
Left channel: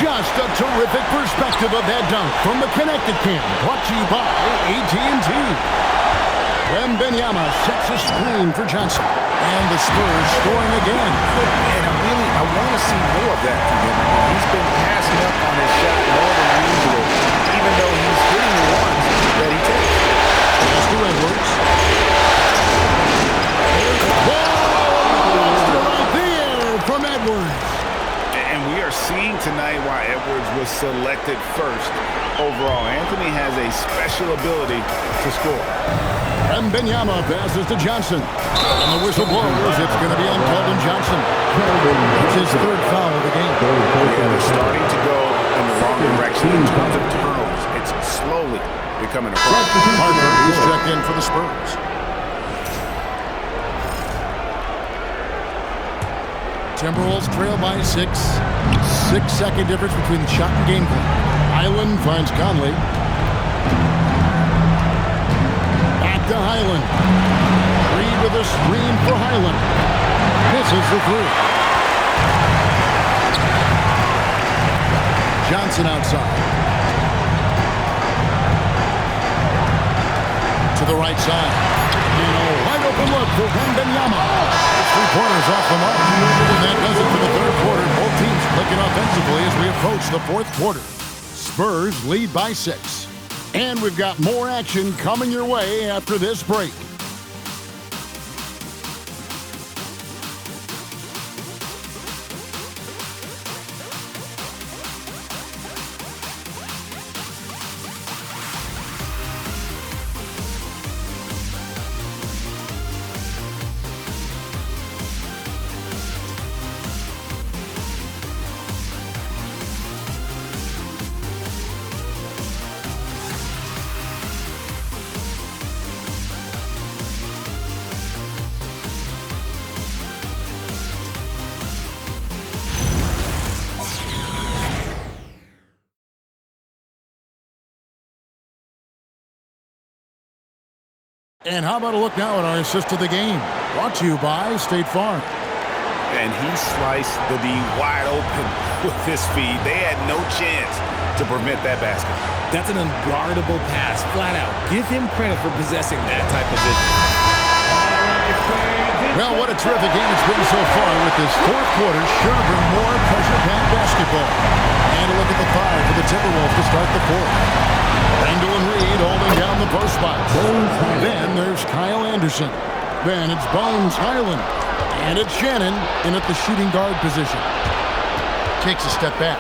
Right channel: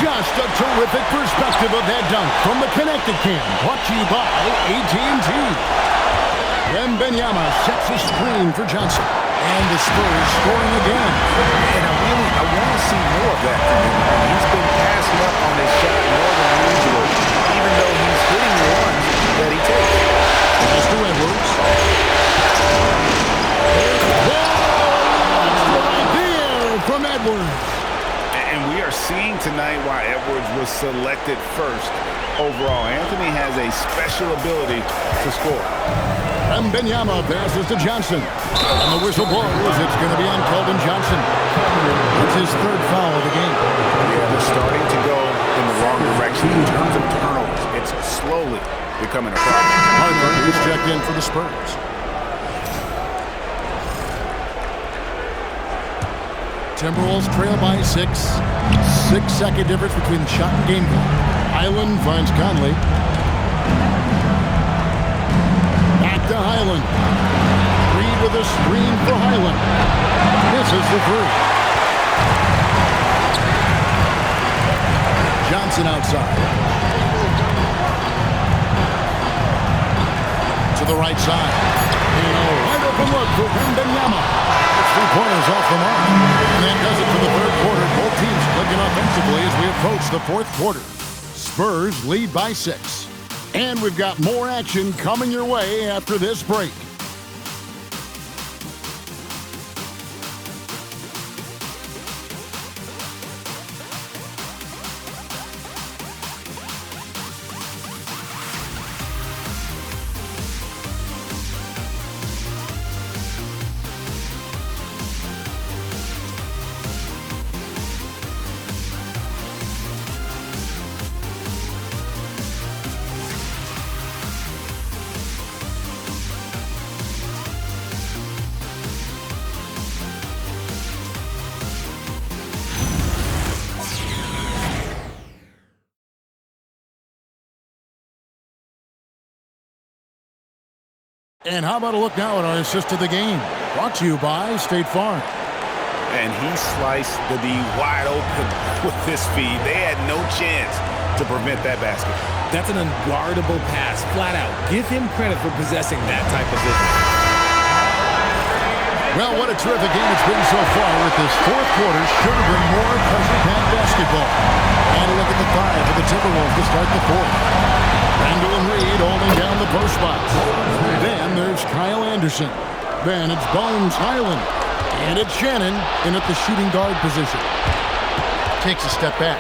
Just a terrific perspective of that dunk from the Connected Cam, brought to you by AT&T. Wembanyama sets a screen for Johnson, and the Spurs scoring again. And I want to see more of that from him. I mean, he's been passing up on his shot more than usual, even though he's hitting the ones that he takes. Pass to Edwards. Whoa! Extra right there from Edwards. And we are seeing tonight why Edwards was selected first overall. Anthony has a special ability to score. Wembanyama passes to Johnson. And the whistle blows. It's going to be on Keldon Johnson. That's his 3rd foul of the game. Yeah, they're starting to go in the wrong direction in terms of turnovers. It's slowly becoming a problem. Harper is checked in for the Spurs. Timberwolves trail by 6. 6-second difference between the shot and game clock. Highland finds Conley. Back to Highland. Reed with a screen for Highland. Misses the three. Johnson outside. To the right side. And a wide open look for Wembanyama. It's 3-pointers off the mark. And that does it for the third quarter. Both teams clicking offensively as we approach the fourth quarter. Spurs lead by 6. And we've got more action coming your way after this break. And how about a look now at our assist of the game? Brought to you by State Farm. And he sliced the D wide open with this feed. They had no chance to prevent that basket. That's an unguardable pass, flat out. Give him credit for possessing that type of vision. Well, what a terrific game it's been so far with this fourth quarter. Sure to bring more pressure-packed basketball. And a look at the 5 for the Timberwolves to start the fourth. Randall and Reed holding down the post spots. Then there's Kyle Anderson. Then it's Bones Highland. And it's Shannon in at the shooting guard position. Takes a step back.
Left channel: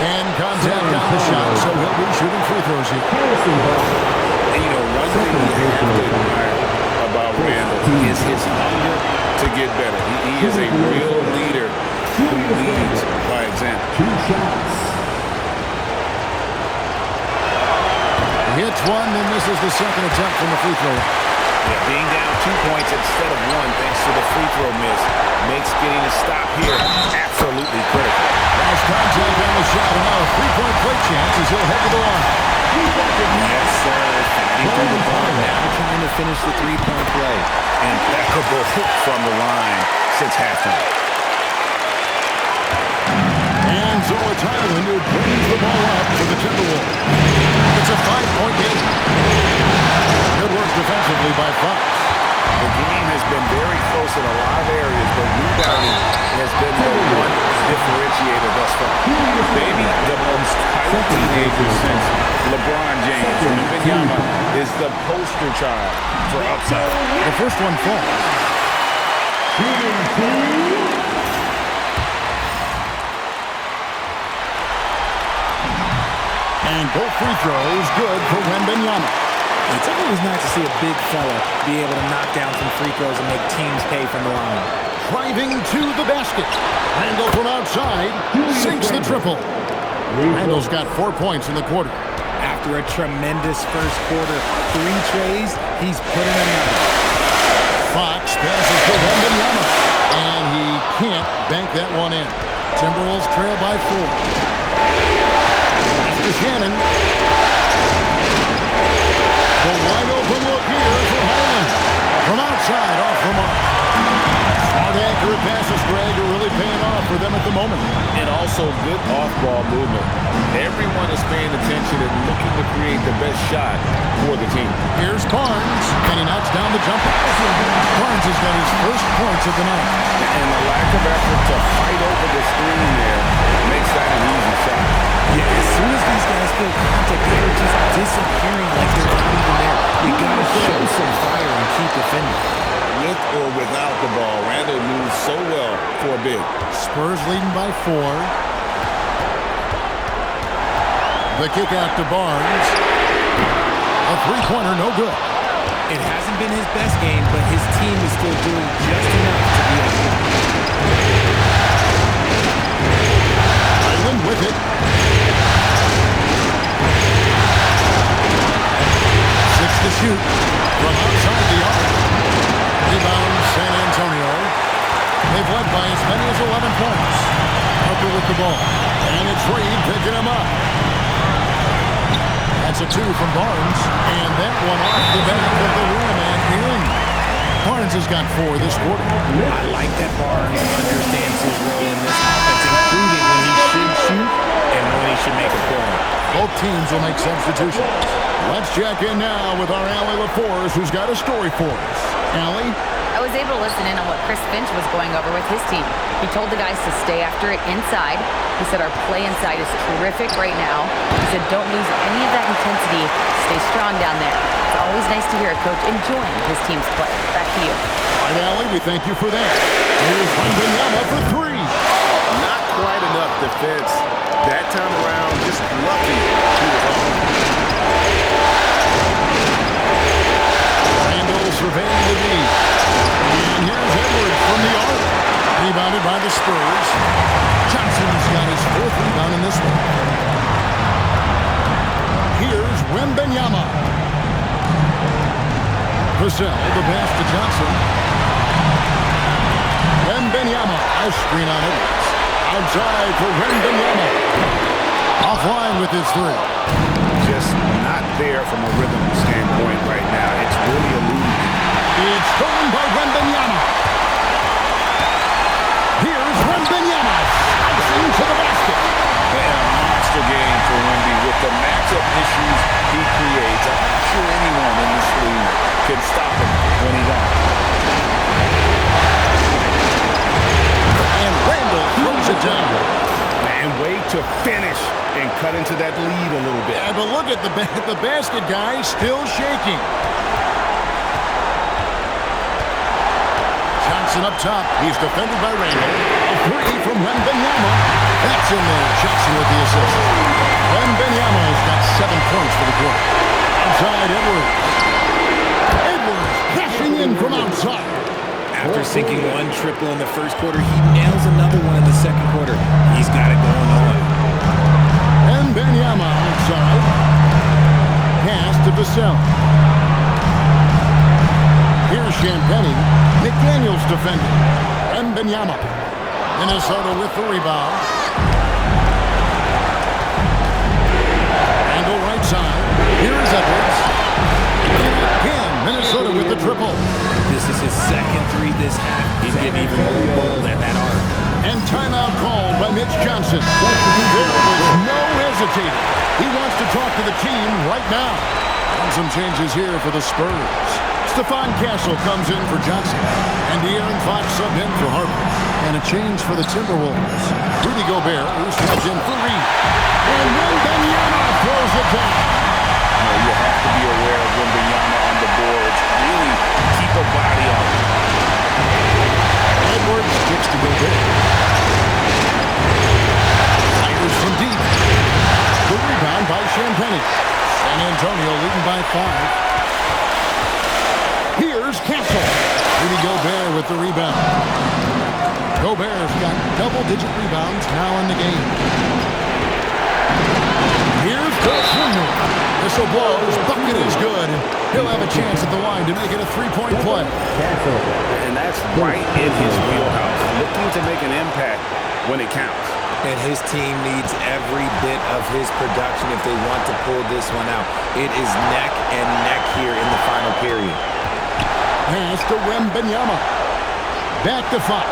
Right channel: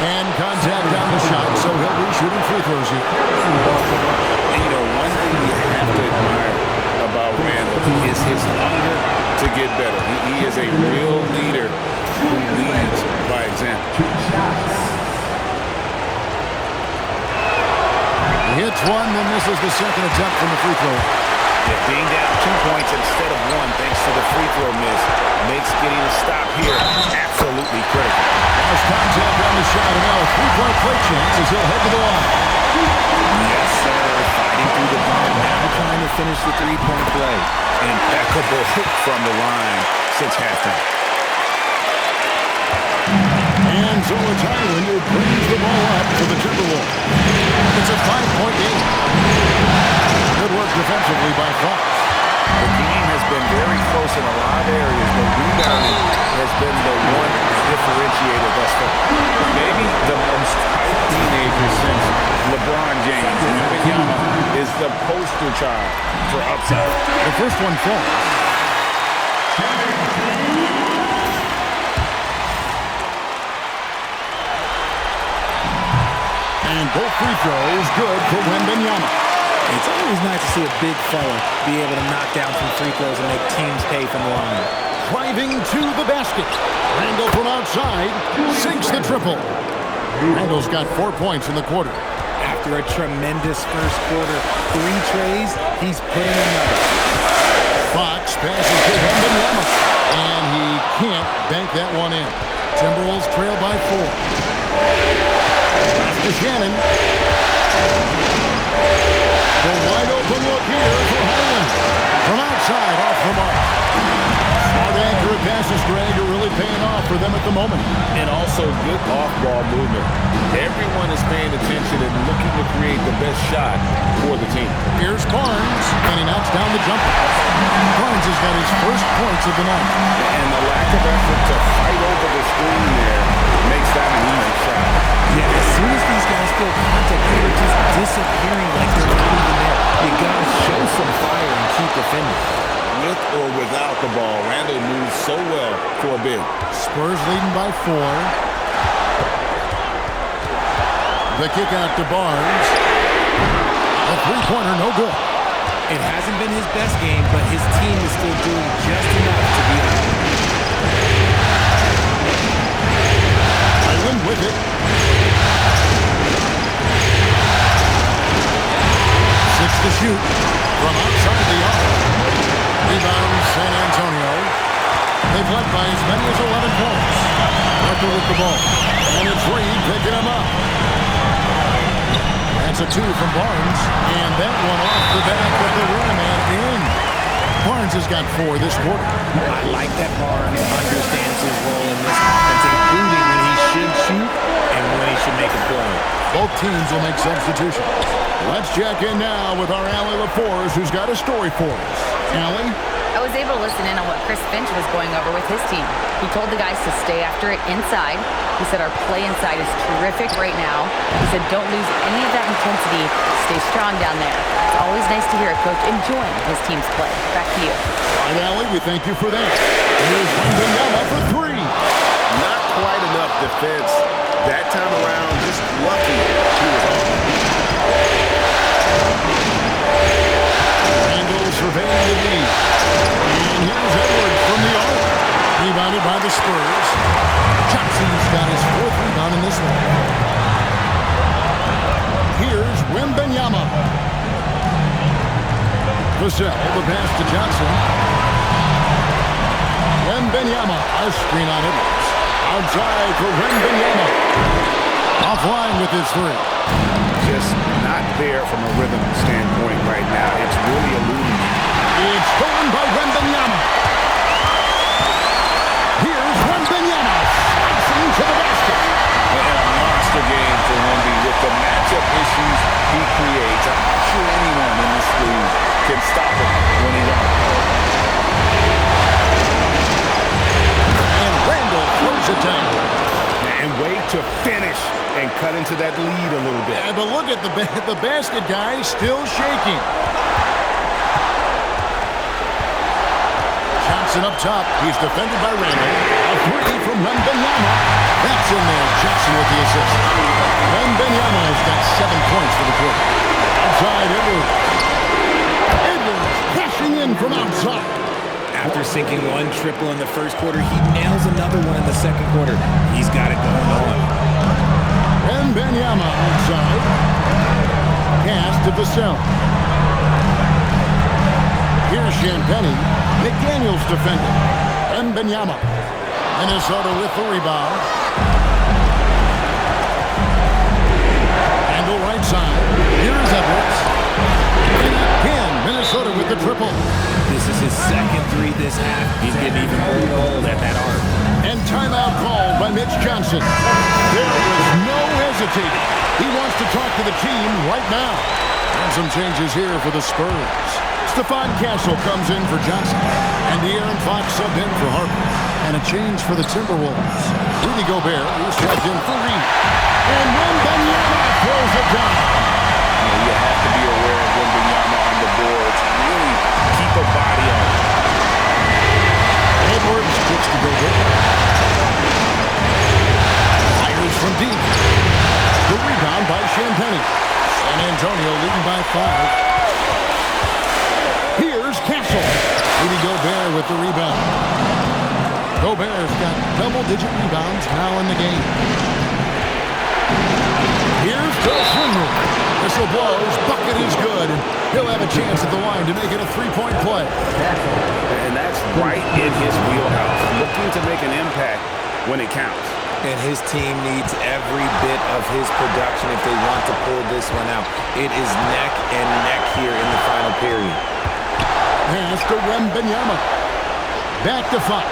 And contact on the shot, so he'll be shooting free throws here. And you know, one thing you have to admire about Randall is his hunger to get better. He is a real leader who leads by example. He hits one, then misses the second attempt from the free throw. Yeah, being down 2 points instead of 1 thanks to the free throw miss makes getting a stop here absolutely critical. Lost contact on the shot, and now a three-point play chance as he'll head to the line. Yes, sir. Fighting through the ball. Now trying to finish the three-point play. Impeccable from the line since halftime. And so it's Highland who brings the ball up for the Timberwolves. It's a 5-point game. Good work defensively by Fox. The game has been very close in a lot of areas, but rebounding has been the one differentiator thus far. Maybe the most tight teenager since LeBron James. Wembanyama is the poster child for upside. The first one falls. And both free throws good for Wembanyama. It's always nice to see a big fella be able to knock down some free throws and make teams pay from the line. Driving to the basket. Randall from outside sinks the triple. Randall's got 4 points in the quarter. After a tremendous first quarter, 3 trays, he's put in another. Fox passes to Wembanyama, and he can't bank that one in. Timberwolves trail by 4. To Shannon. The wide open look here for Highland. From outside, off the mark. Smart accurate passes, Greg, are really paying off for them at the moment. And also good off-ball movement. Everyone is paying attention and looking to create the best shot for the team. Here's Barnes, and he knocks down the jumper. Barnes has got his first points of the night. And the lack of effort to fight over the screen there makes that an easy shot. Yeah, as soon as these guys feel contact, they're just disappearing like they're not even there. You got to show some fire and keep defending. With or without the ball, Randall moves so well for a big. Spurs leading by 4. The kick out to Barnes. A three-pointer, no good. It hasn't been his best game, but his team is still doing just enough to beat him. Highland with it. 6 to shoot from outside the arc. Rebound San Antonio. They've led by as many as 11 points. Harper with the ball. And it's Reed picking him up. That's a 2 from Barnes. And that one off the back of the rim and in. Barnes has got 4 this quarter. I like that Barnes understands his role in this offense, including when he should shoot and when he should make a play. Both teams will make substitutions. Let's check in now with our Allie LaForce, who's got a story for us. Allie? I was able to listen in on what Chris Finch was going over with his team. He told the guys to stay after it inside. He said our play inside is terrific right now. He said don't lose any of that intensity. Stay strong down there. It's always nice to hear a coach enjoying his team's play. Back to you. All right, Allie, we thank you for that. Here's Wembanyama for 3. Not quite enough defense. That time around, just lucky he was on. Randall surveying the D. And here's Edwards from the arc. Rebounded by the Spurs. Johnson's got his 4th rebound in this one. Here's Wembanyama. Vassell, the pass to Johnson. Wembanyama, a screen on Edwards. Outside for Wembanyama. Offline with his 3. Just not there from a rhythm standpoint right now. It's really eluding him. It's stolen by Wembanyama. Here's Wembanyama slicing to the basket. And a monster game for Wemby with the matchup issues he creates. I'm not sure anyone in this league can stop him when he's on. And Randall throws it down. And way to finish and cut into that lead a little bit. Yeah, but look at the basket guy still shaking. Johnson up top. He's defended by Randall. A 3 from Wembanyama. That's in there. Johnson with the assist. Wembanyama has got 7 points for the quarter. Outside, Edwards. Edwards cashing in from outside. After sinking 1 triple in the first quarter, he nails another one in the second quarter. He's got it going on. Wembanyama outside. Pass to Vassell. Here's Champagnie. McDaniels defending. Wembanyama. Minnesota with the rebound. Randall right side. Here's Edwards. And again, Minnesota with the triple. This is his second 3 this half. He's getting even more bold at that arc. And timeout called by Mitch Johnson. There was no hesitating. He wants to talk to the team right now. And some changes here for the Spurs. Stephon Castle comes in for Johnson. And De'Aaron Fox subbed in for Harper. And a change for the Timberwolves. Rudy Gobert, who's subbed in for Reed. And Wembanyama throws it down. You have to be aware of Wembanyama on the boards. Really keep a body on him. Edwards kicks to Gobert. Fires from deep. The rebound by Champagnie. San Antonio leading by 5. Here's Castle. Rudy Gobert with the rebound. Gobert's got double-digit rebounds now in the game. Here's Castle. Whistle blows. Bucket is good. And he'll have a chance at the line to make it a 3-point play. And that's right in his wheelhouse. Looking to make an impact when it counts. And his team needs every bit of his production if they want to pull this one out. It is neck and neck here in the final period. Pass to Wembanyama. Back to Fox.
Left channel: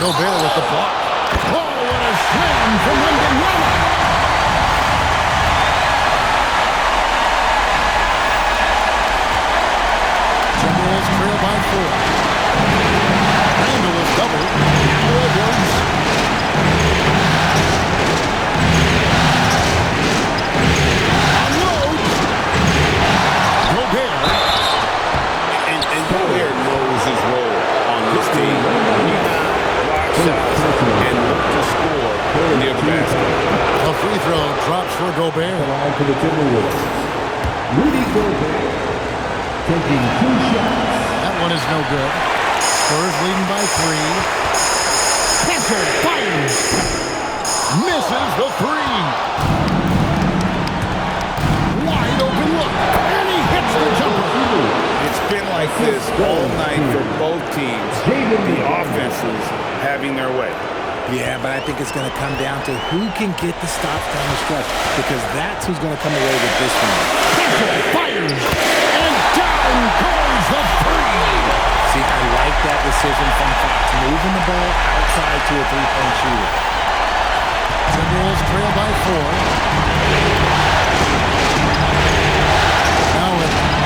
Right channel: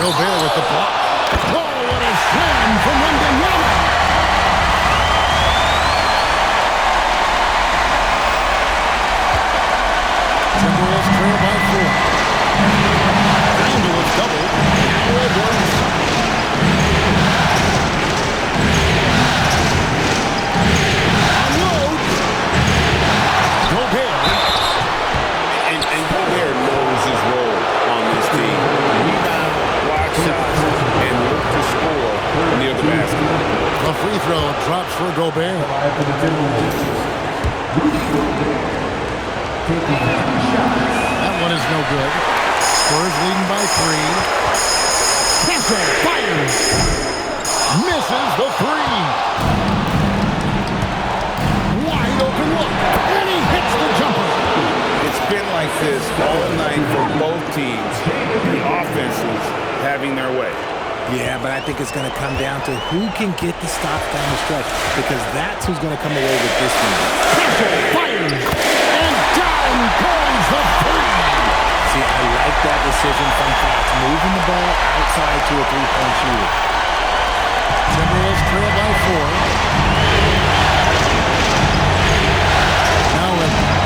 Gobert with the block. Oh, what a slam from Wembanyama. Timberwolves trail by 4. Randall is doubled. Now Edwards. Unloads. Gobert. And Gobert knows his role on this team. Rebound, block shots, and look to score near the basket. The free throw drops for Gobert. For the Timberwolves, Rudy Gobert taking 2 shots. That one is no good. Spurs leading by 3. Castle fires. Misses the 3. Wide open look. And he hits the jumper. It's been like this all night for both teams. The offenses having their way. Yeah, but I think it's going to come down to who can get the stops down the stretch, because that's who's going to come away with this one. Kessel fires, and down goes the three. See, I like that decision from Fox, moving the ball outside to a three-point shooter. Timberwolves trail by 4. Now Edwards.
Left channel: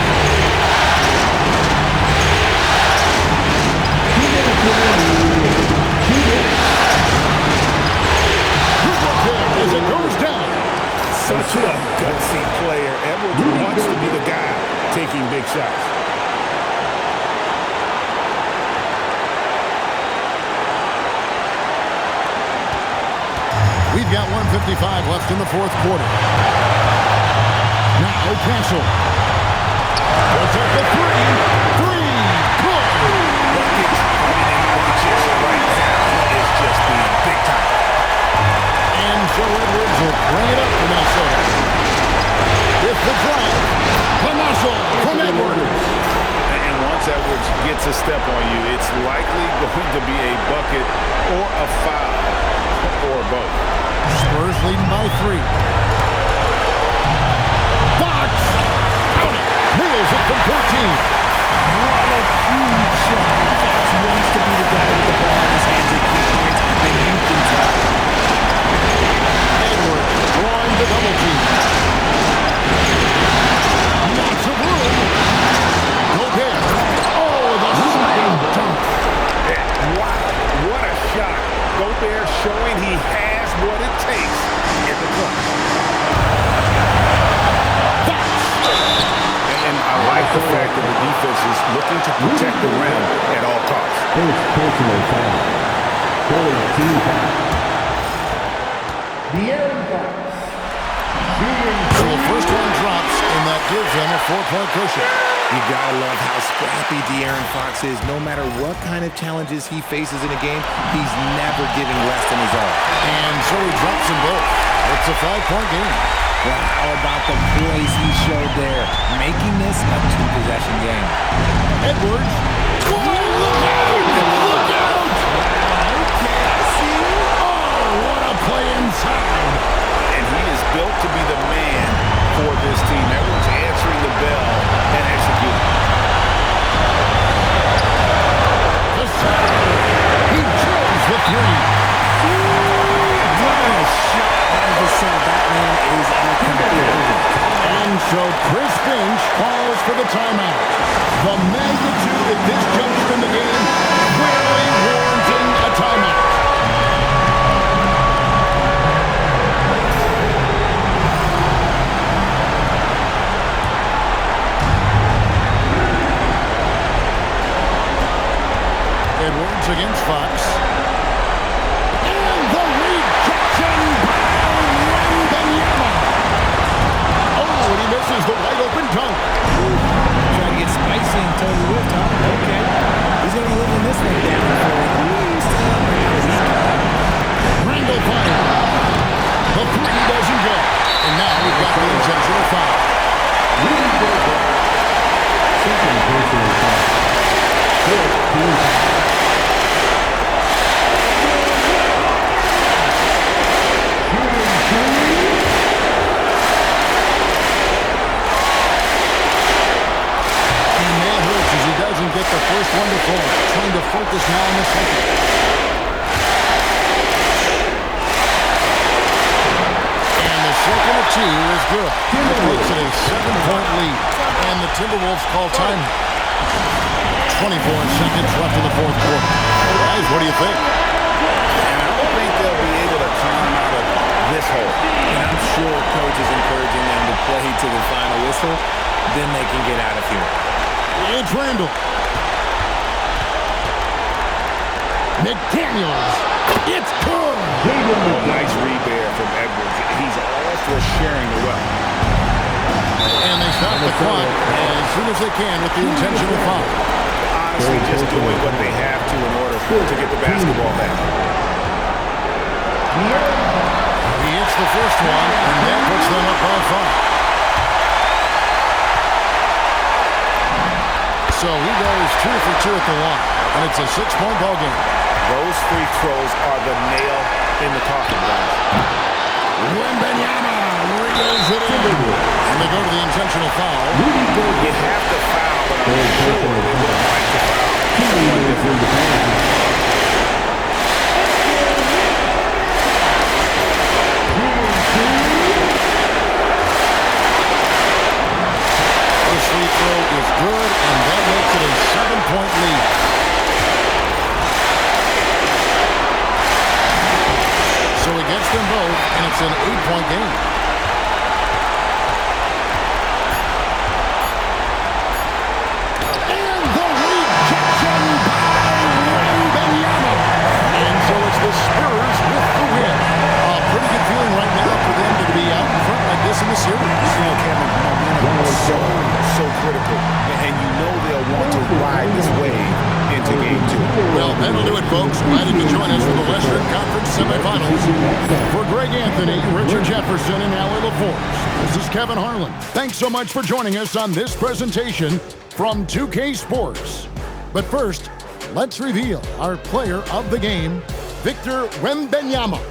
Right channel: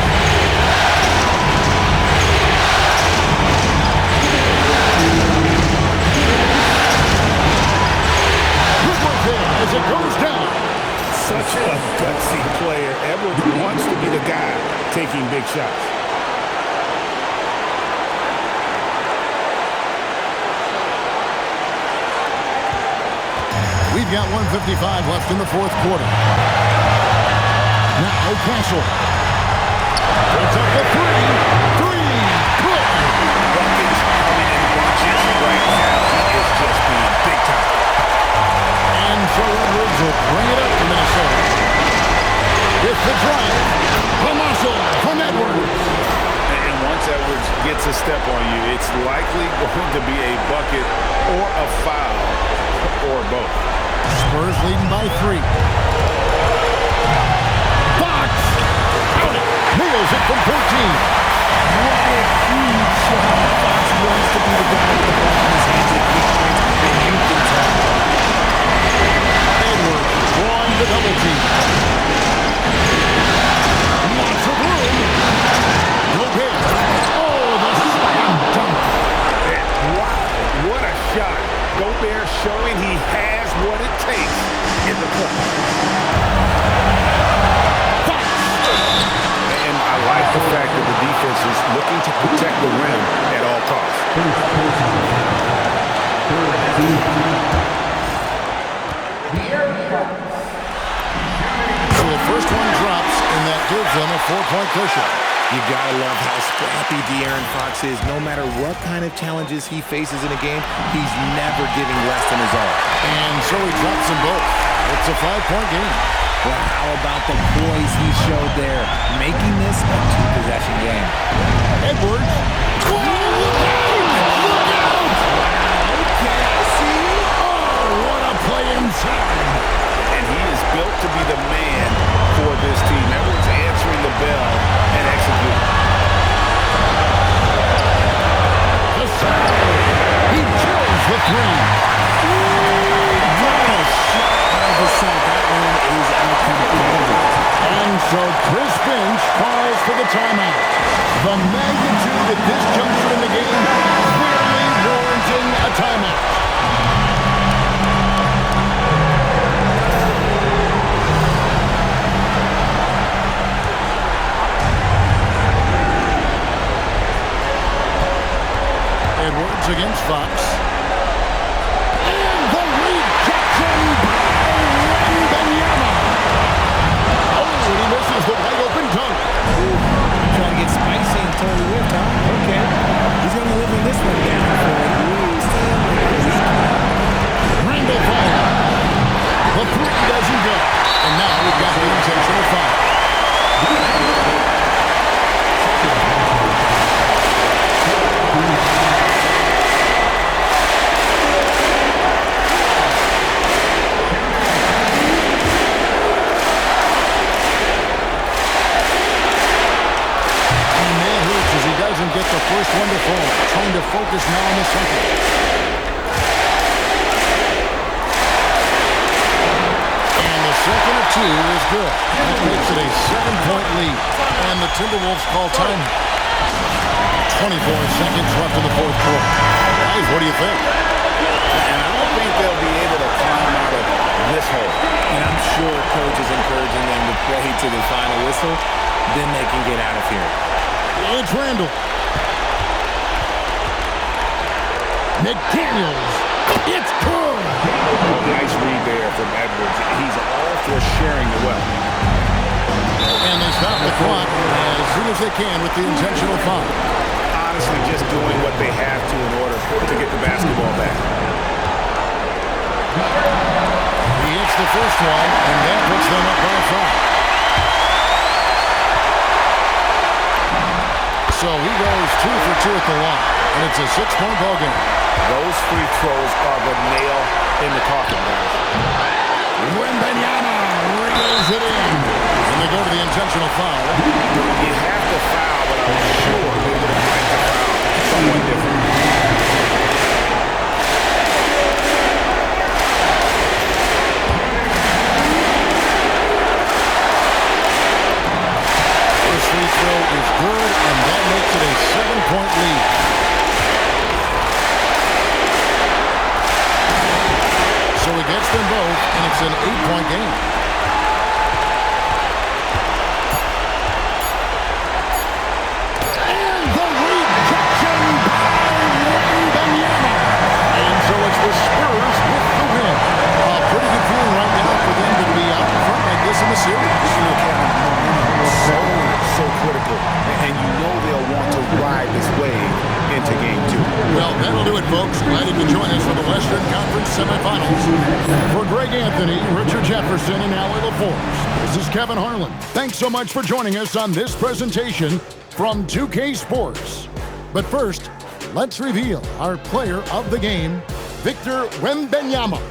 As it goes down. Such a gutsy player. Edwards wants to be the guy taking big shots. We've got 1:55 left in the fourth quarter. Now Kessel. Puts up the three. Three. Good. Buckets coming in bunches right now. He is just being big time. And so Edwards will bring it up for Minnesota. With the drive, the muscle from Edwards. And once Edwards gets a step on you, it's likely going to be a bucket or a foul or both. Spurs leading by 3. Fox! Count it! Nails it from 14. What a huge shot. Fox wants to be the guy with the ball in his hands at key points, and you can tell. Edwards drawing the double team. Lots of room. Gobert. Oh, the slam dunk. Wow, what a shot. Gobert showing he has what it takes in the clutch. Fox. And I like the fact that the defense is looking to protect the rim at all costs. So the first one drops, and that gives them a 4-point cushion. You gotta love how scrappy De'Aaron Fox is. No matter what kind of challenges he faces in a game, he's never giving less than his all. And so he drops them both. It's a 5-point game. Well, how about the poise he showed there, making this a 2-possession game? Edwards. Whoa, look out! Look out! Wow, okay, I see you. Oh, what a play inside. And he is built to be the man for this team. Edwards answering the bell and executing. The center. He kills the three. What a shot by Vassell. That man is a competitor. And so Chris Finch calls for the timeout. The magnitude at this juncture in the game clearly warranting a timeout. Edwards against Fox. And the rejection by Wembanyama. Oh, and he misses the wide open dunk. Try to get spicy and totally whipped, huh? Okay. He's going to live in this one down for a week. Randall fire. The three doesn't go. And now we've got the intentional foul. Doesn't get the first one to fall. Trying to focus now on the second. And the second of 2 is good. That makes it a 7-point lead. And the Timberwolves call time. 24 seconds left in the fourth quarter. Guys, what do you think? And I don't think they'll be able to climb out of this hole. And I'm sure coach is encouraging them to play to the final whistle. Then they can get out of here. It's Randall. McDaniels. It's good. Oh, nice read there from Edwards. He's all for sharing the wealth. And they stop the clock as soon as they can with the intentional foul. Honestly, just doing what they have to in order to get the basketball back. He hits the first one, and that puts them up by 5. So he goes 2 for 2 at the line, and it's a 6-point ball game. Those free throws are the nail in the coffin, guys. Wembanyama reels it in. And they go to the intentional foul. You have to foul, but I'm sure they would have liked to foul someone different. Free throw is good, and that makes it a 7-point lead. So he gets them both, and it's an 8-point game. And the rejection by Wembanyama. And so it's the Spurs with the win. A pretty good feeling right now for them to be out in front like this in the series. You know, Kevin, momentum is so critical. And you know they'll want to ride this wave into Game 2. Well, that'll do it, folks. Glad you could join us for the Western Conference semifinals. For Greg Anthony, Richard Jefferson, and Allie LaForce, this is Kevin Harlan. Thanks so much for joining us on this presentation from 2K Sports. But first, let's reveal our player of the game, Victor Wembanyama.